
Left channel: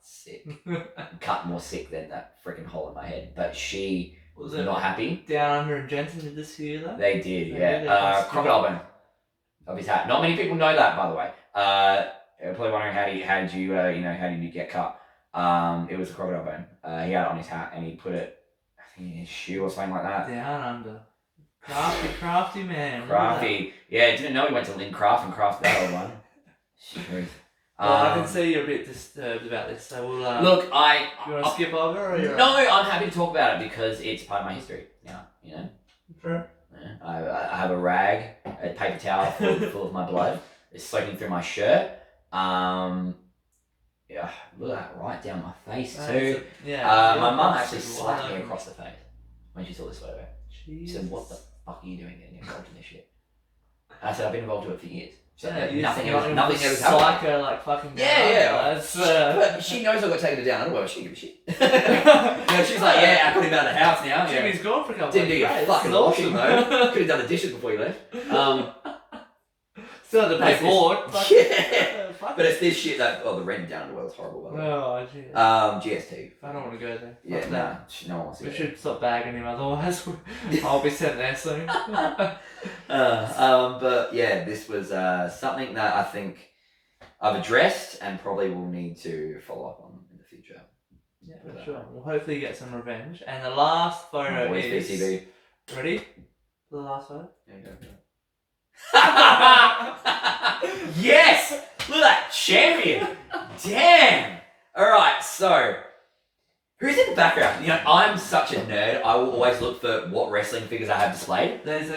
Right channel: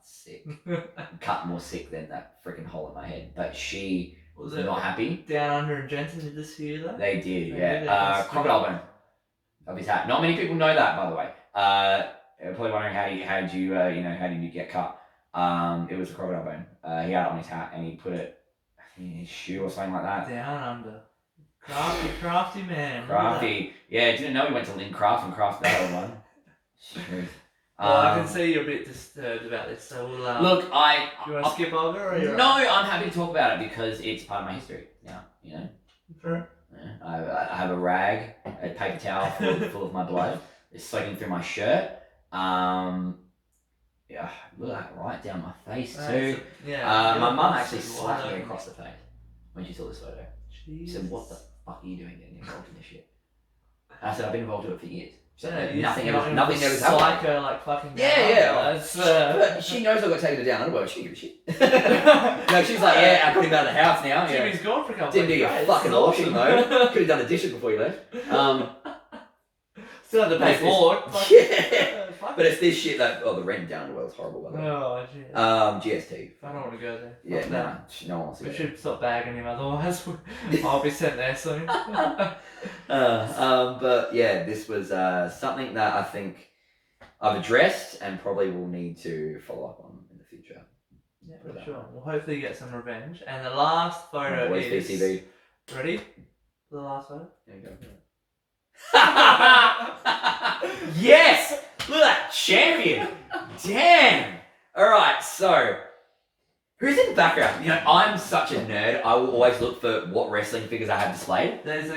more sick than that freaking hole in my head. But she was not happy. Down Under and Jensen did this to you though? They did, yeah. Crocodile bone of his hat. Not many people know that, by the way. You're probably wondering how did you get cut? It was a crocodile bone. He had it on his hat and he put it, I think, in his shoe or something like that. Down Under. Crafty man. Crafty. Yeah, didn't know he went to Lynn Craft and crafted that old one. Shit. Well, I can see you're a bit disturbed about this, so we'll... Look, you want to skip over, or you're... No, I'm happy to talk about it because it's part of my history now, Sure. Yeah, I have a rag, a paper towel full of my blood. It's soaking through my shirt, Yeah, look at that right down my face That's too. yeah. My mum That's actually just slapped me wild. across the face when she saw this photo. She said, "What the fuck are you doing getting involved in this shit?" And I said, "I've been involved in it for years." So nothing ever happened. Psycho, like fucking. Yeah. That's, But she knows I got taken to down underwear. She didn't give a shit. No, she's like, yeah, I got him out of the house now. Jimmy's gone for a couple Didn't do of your days. fucking washing though. Could have done the dishes before you left. Still had to pay board. Yeah. But it's this shit that the rent down underwear is horrible. By the way. Oh, jeez. GST. I don't want to go there. Yeah, no one wants to. We go should stop bagging him, otherwise I'll be sent there soon. But yeah, this was something that I think I've addressed and probably will need to follow up on in the future. Yeah, for sure. We'll hopefully get some revenge. And the last photo Boys is... BCB. Ready? The last photo? There you go. Yes! Look at that champion! Damn! Alright, so who's in the background? You know, I'm such a nerd. I will always look for what wrestling figures I have displayed. Is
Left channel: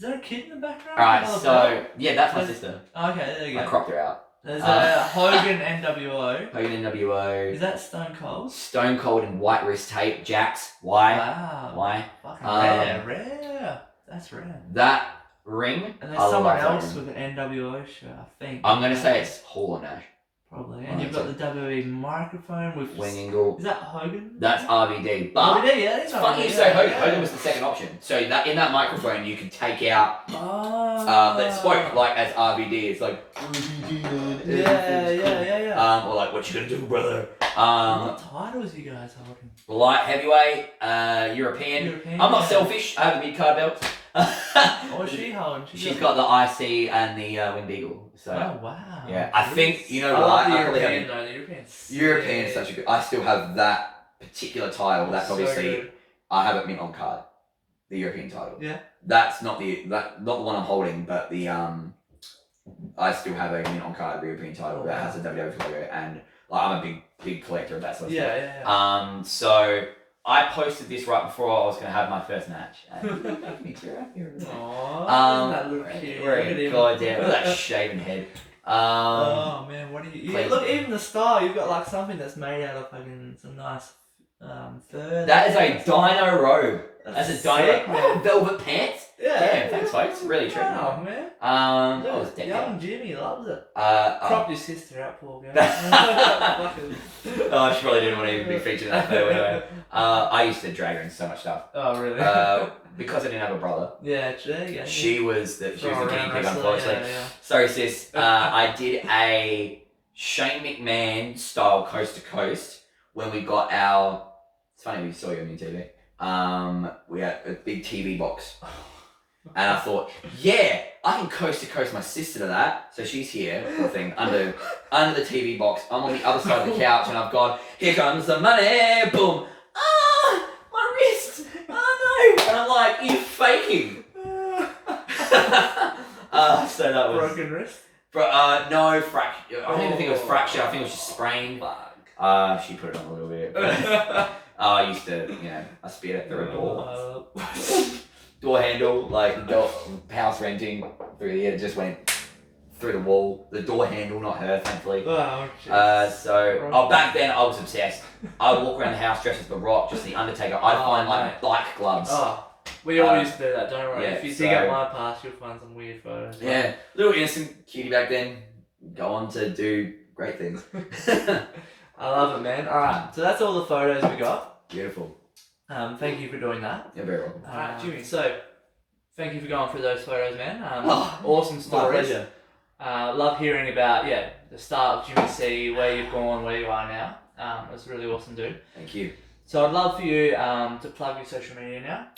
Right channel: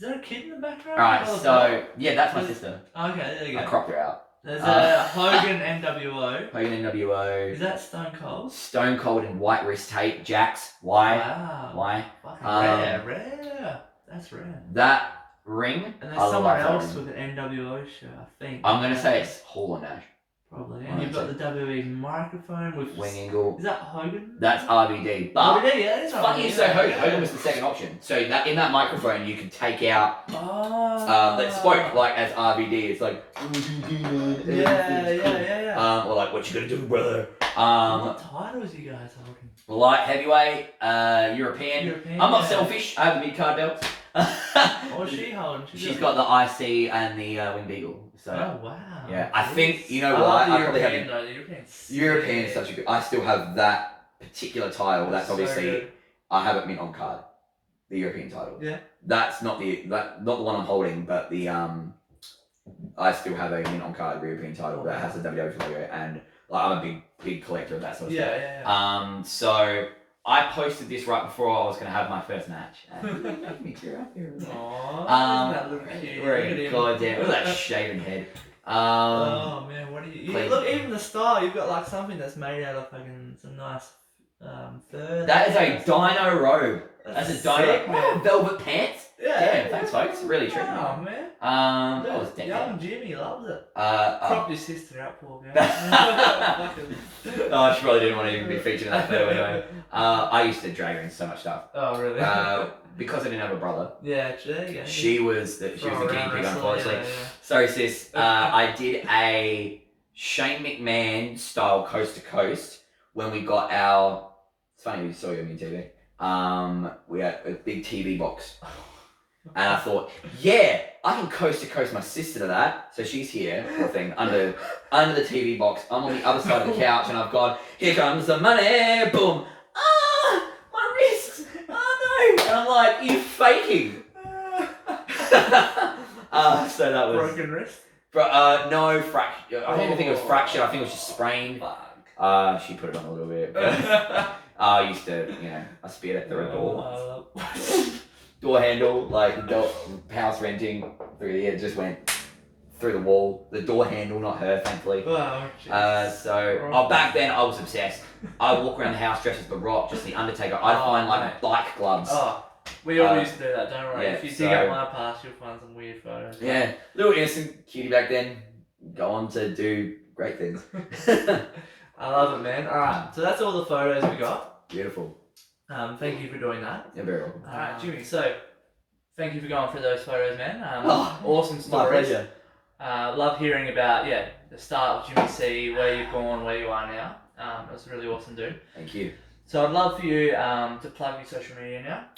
there a kid in the background? Alright, so yeah, that's my sister. Okay, there you go. I cropped her out. There's a Hogan NWO. Hogan NWO. Is that Stone Cold? Stone Cold in white wrist tape. Jax. Why? Wow. Why? Fucking rare. That's rare. That ring. And there's someone else with an NWO shirt, I think. I'm gonna say it's Hall and Nash. Probably. And you've got the WWE microphone with Wing Angle. Is that Hogan? That's RVD. But RVD, yeah, it's funny you say Hogan. Hogan was the second option. So that in that microphone you could take out that spoke like as RVD. It's like yeah. or like what you gonna do, brother? What titles you guys holding? Light heavyweight, European. I'm not selfish. I have the mid card belt. What's she holding? She's got the IC and the Wing Beagle. So oh wow. yeah, I think you know I what. love the I probably European have though. The European's European's such a good. I still have that particular title. That's so obviously good. I have it mint on card. The European title. Yeah. That's not the one I'm holding, but the I still have a mint on card European title that has a WWF logo, and like, I'm a big collector of that sort of stuff. Yeah. So I posted this right before I was going to have my first match. Aww, that little kid. God damn, look at that shaven head. Oh man, what do you look, even the style, you've got like something that's made out of fucking some nice fur. That is a dino robe. That's a sick, dino man. velvet pants. Yeah, Thanks folks. Really treating me. Oh man. I was decked Young out. Jimmy loves it. Cropped your sister out, poor girl. Oh, she probably didn't want to even be featured in that photo anyway. I used to drag her in so much stuff. Oh really? Because I didn't have a brother. Yeah, there you go. She was the guinea pig, unfortunately. Yeah. Sorry, sis. I did a Shane McMahon style coast to coast when we got our. It's funny we saw you on your TV. We had a big TV box, and I thought, yeah, I can coast to coast my sister to that. So she's here, poor thing, under the TV box. I'm on the other side of the couch, and I've gone, here comes the money, boom. Ah, my wrist. Oh no! And I'm like, you faking. So that was broken wrist. No fracture. I don't even think it was fracture. I think it was just sprained. She put it on a little bit. I used to, I speared it through a door. Door handle, like the door, house renting through the it just went through the wall. The door handle, not her, thankfully. Back then I was obsessed. I would walk around the house dressed as The Rock, just the Undertaker. I'd find like bike gloves. We all used to do that, don't worry. Yeah, if you dig up my past, you'll find some weird photos. Yeah, little innocent cutie back then. Go on to do great things. I love it, man. Alright, so that's all the photos we got. Beautiful. Thank you for doing that. You're very welcome. Alright, Jimmy, so thank you for going through those photos, man. Awesome stories. My pleasure. Love hearing about, the start of Jimmy C, where you've gone, where you are now. That's really awesome, dude. Thank you. So I'd love for you to plug your social media now.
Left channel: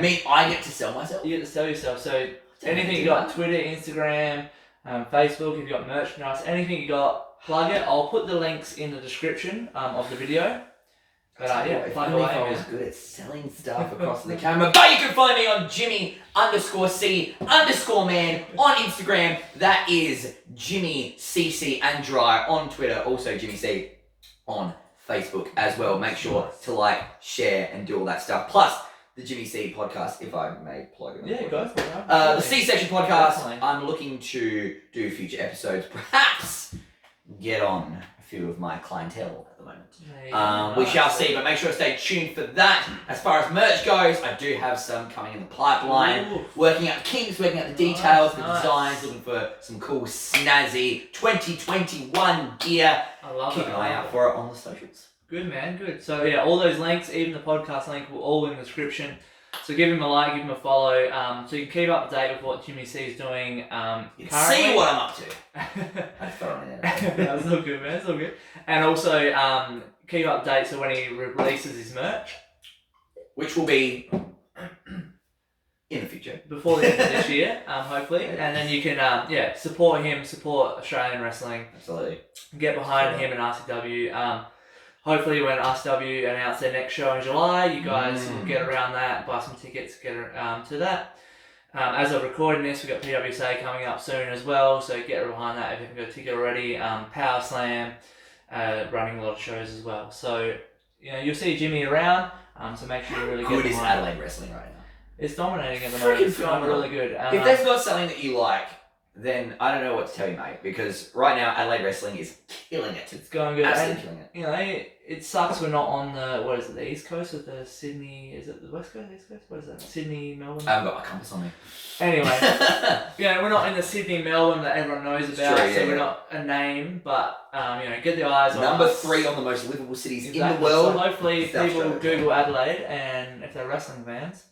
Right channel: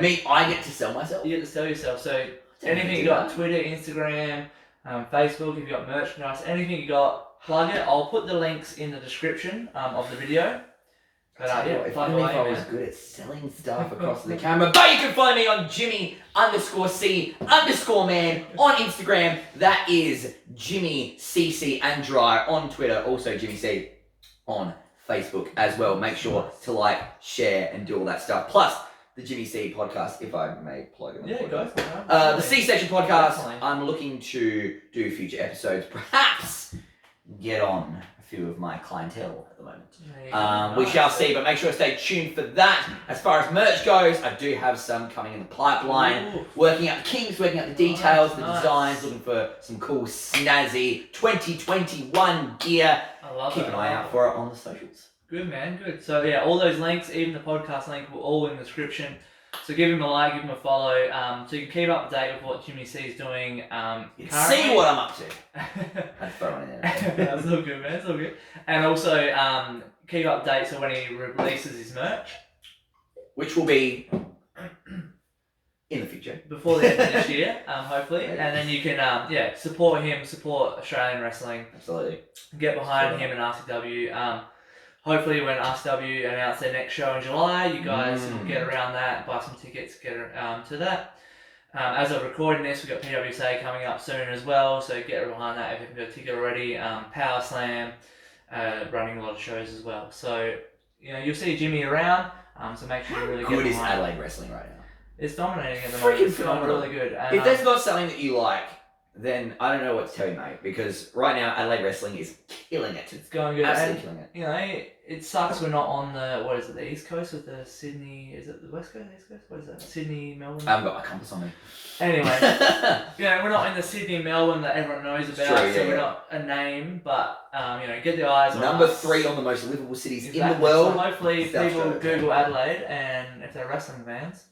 Me, I get to sell myself? You get to sell yourself. So anything you got, Twitter, Instagram, Facebook, if you got merchandise, anything you got, plug it. I'll put the links in the description of the video. But if I was good at selling stuff across the camera. But you can find me on Jimmy_C_man on Instagram. That is Jimmy CC and Dry on Twitter. Also Jimmy C on Facebook as well. Make sure to like, share, and do all that stuff. Plus, the Jimmy C podcast, if I may plug it. Yeah, go for it. The C-Section podcast, Definitely. I'm looking to do future episodes, perhaps get on a few of my clientele at the moment. We shall see, but make sure to stay tuned for that. As far as merch goes, I do have some coming in the pipeline. Ooh. Working out the kinks, working out the details, the Nice. designs, looking for some cool, snazzy 2021 gear. I love Keep it. an eye out for it on the socials. Good, man. Good. So, yeah, all those links, even the podcast link, will all in the description. So give him a like, give him a follow, so you can keep up to date with what Jimmy C is doing. You can Currently. see what I'm up to. I throw it in there. That's all good, man. It's all good. And also keep up to date so when he releases his merch, Which will be in the future. before the end of this year, hopefully. And then you can support him, support Australian wrestling, Absolutely. get behind him and RCW. Hopefully when RCW announce their next show in July, you guys will get around that, buy some tickets, get to that. As of recording this, we've got PWSA coming up soon as well, so get behind that if you haven't got a ticket already. Power Slam, running a lot of shows as well. So, you'll see Jimmy around, so make sure you really get Good is behind it. Adelaide wrestling right now. It's dominating at the Freaking moment. It's going phenomenal. really good. If that's not something that you like, then I don't know what to tell you, mate. Because right now, Adelaide wrestling is killing it. It's going good. Absolutely And, killing it. it sucks we're not on the East Coast with the Sydney, is it the West Coast, East Coast? What is that? Sydney, Melbourne? I haven't got my compass on me. Anyway, we're not in the Sydney, Melbourne that everyone knows about, true, so we're not a name, but, get the eyes on Number us. 3 on the most livable cities in the Exactly. world. So hopefully South people Australia. Google Adelaide, and if they're wrestling fans,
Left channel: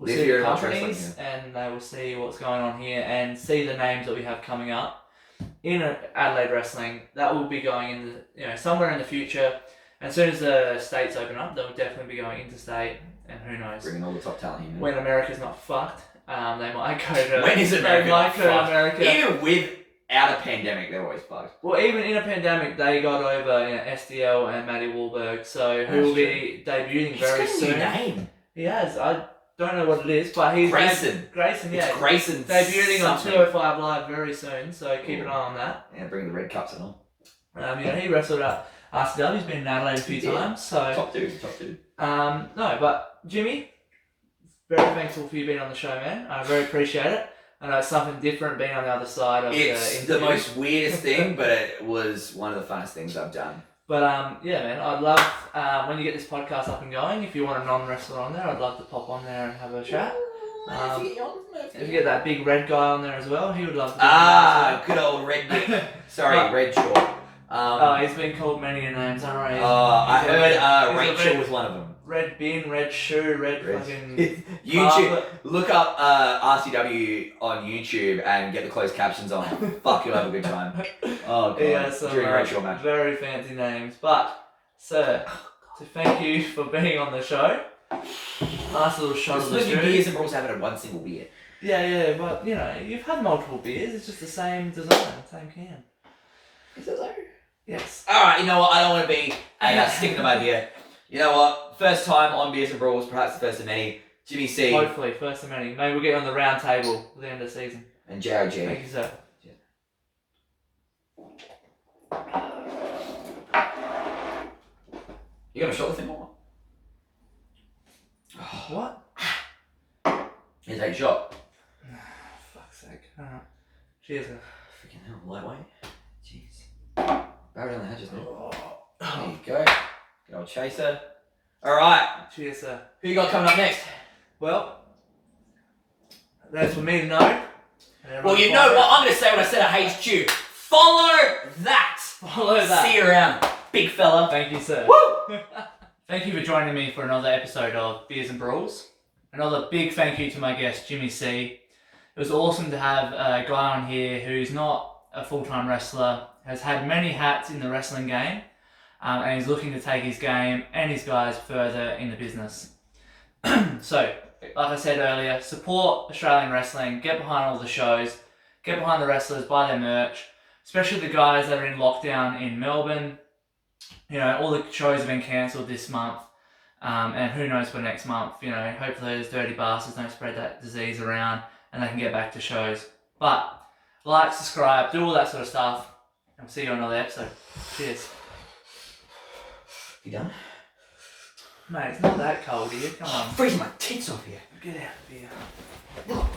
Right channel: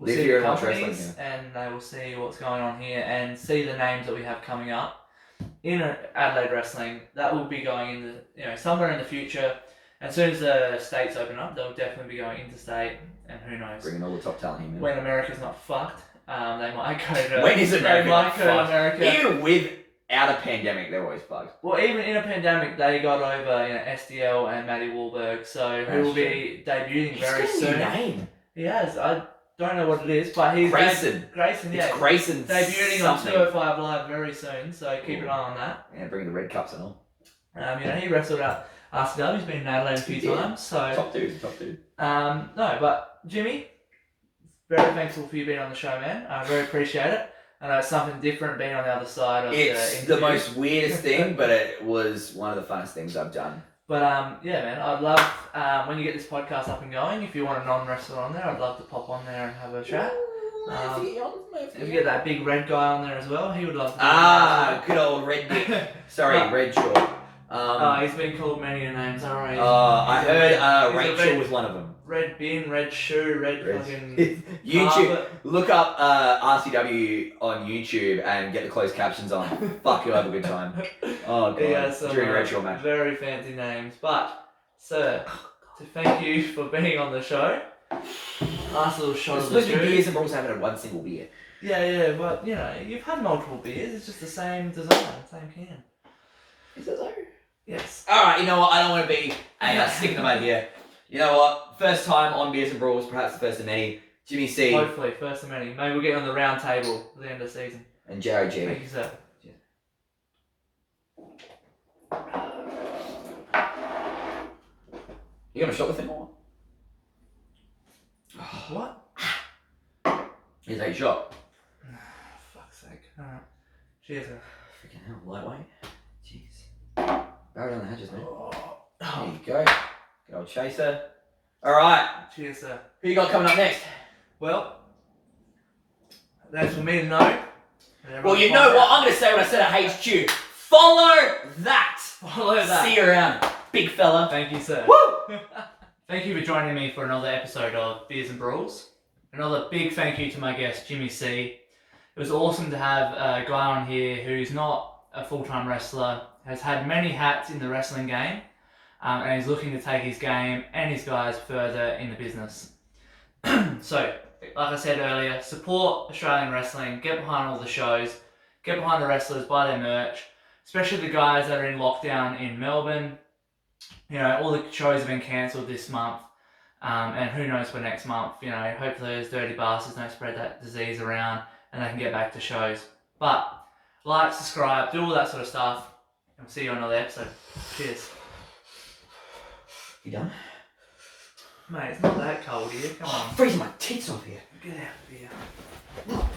will Live see here the and watch companies, wrestling, and they will see what's going on here, and see the names that we have coming up in Adelaide wrestling. That will be going in somewhere in the future. As soon as the states open up, they'll definitely be going interstate, and who knows. Bringing all the top talent here, man. When America's not fucked, they might go to. When is America They might not go to fucked? America. Even without a pandemic, they're always fucked. Well, even in a pandemic, they got over SDL and Matty Wahlberg, so who That's will be debuting very He's got a soon. new name. He has. I don't know what it is, but he's Grayson. Grayson, yeah. It's Grayson Debuting on something. 205 Live very soon, so keep an eye on that. Yeah, bring the red cups and all. He wrestled at RCW. He's been in Adelaide a few He did. times, so. Top dude. No, but Jimmy, very thankful for you being on the show, man. I very appreciate it. I know it's something different being on the other side of It's the the most weirdest thing, but it was one of the funnest things I've done. But man, I'd love when you get this podcast up and going. If you want a non-wrestler on there, I'd love to pop on there and have a chat. If you get that big red guy on there as well, he would love to. Be on good old Red Dick. there. Sorry, But- Red Short. He's been called many names, alright. I heard he's a Rachel red- was one of them. Red bin, red shoe, red fucking YouTube. carpet. Look up RCW on YouTube and get the closed captions on. Fuck, you'll have a good time. Oh god. Yeah, some During a Red Short match. very fancy names. But, sir, to thank you for being on the show. Nice little shot It's of the supposed to be juice. beers and Brawls haven't had one single beer. Yeah, but you've had multiple beers. It's just the same design, same can. Is that so? Yes. Alright, you know what? I don't want to be sticking them out here. You know what? First time on Beers and Brawls, perhaps the first of many. Jimmy C Hopefully, first of many. Maybe we'll get you on the round table at the end of the season. and JOG. Thank you, sir. You got a shot with him or? What? Here's a shot. Fuck's sake. Alright. Cheers, sir. Freaking hell, lightweight. Jeez. Barry down the hatches, man. There you go. Good old chaser. Alright, Cheers, sir. who you got coming up next? Well, that's for me to know. Well, you know what? I'm going to say what I said at HQ. Follow that. Follow that. See you around, big fella. Thank you, sir. Woo! Thank you for joining me for another episode of Beers and Brawls. Another big thank you to my guest, Jimmy C. It was awesome to have a guy on here who's not a full-time wrestler, has had many hats in the wrestling game, and he's looking to take his game and his guys further in the business. So, like I said earlier, support Australian wrestling, get behind all the shows, get behind the wrestlers, buy their merch, especially the guys that are in lockdown in Melbourne. All the shows have been cancelled this month, and who knows for next month. Hopefully those dirty bastards don't spread that disease around and they can get back to shows. But like, subscribe, do all that sort of stuff, and we'll see you on another episode. Cheers. You done? Mate, it's not that cold here. Come on. I'm freezing my tits off here. Get out of here.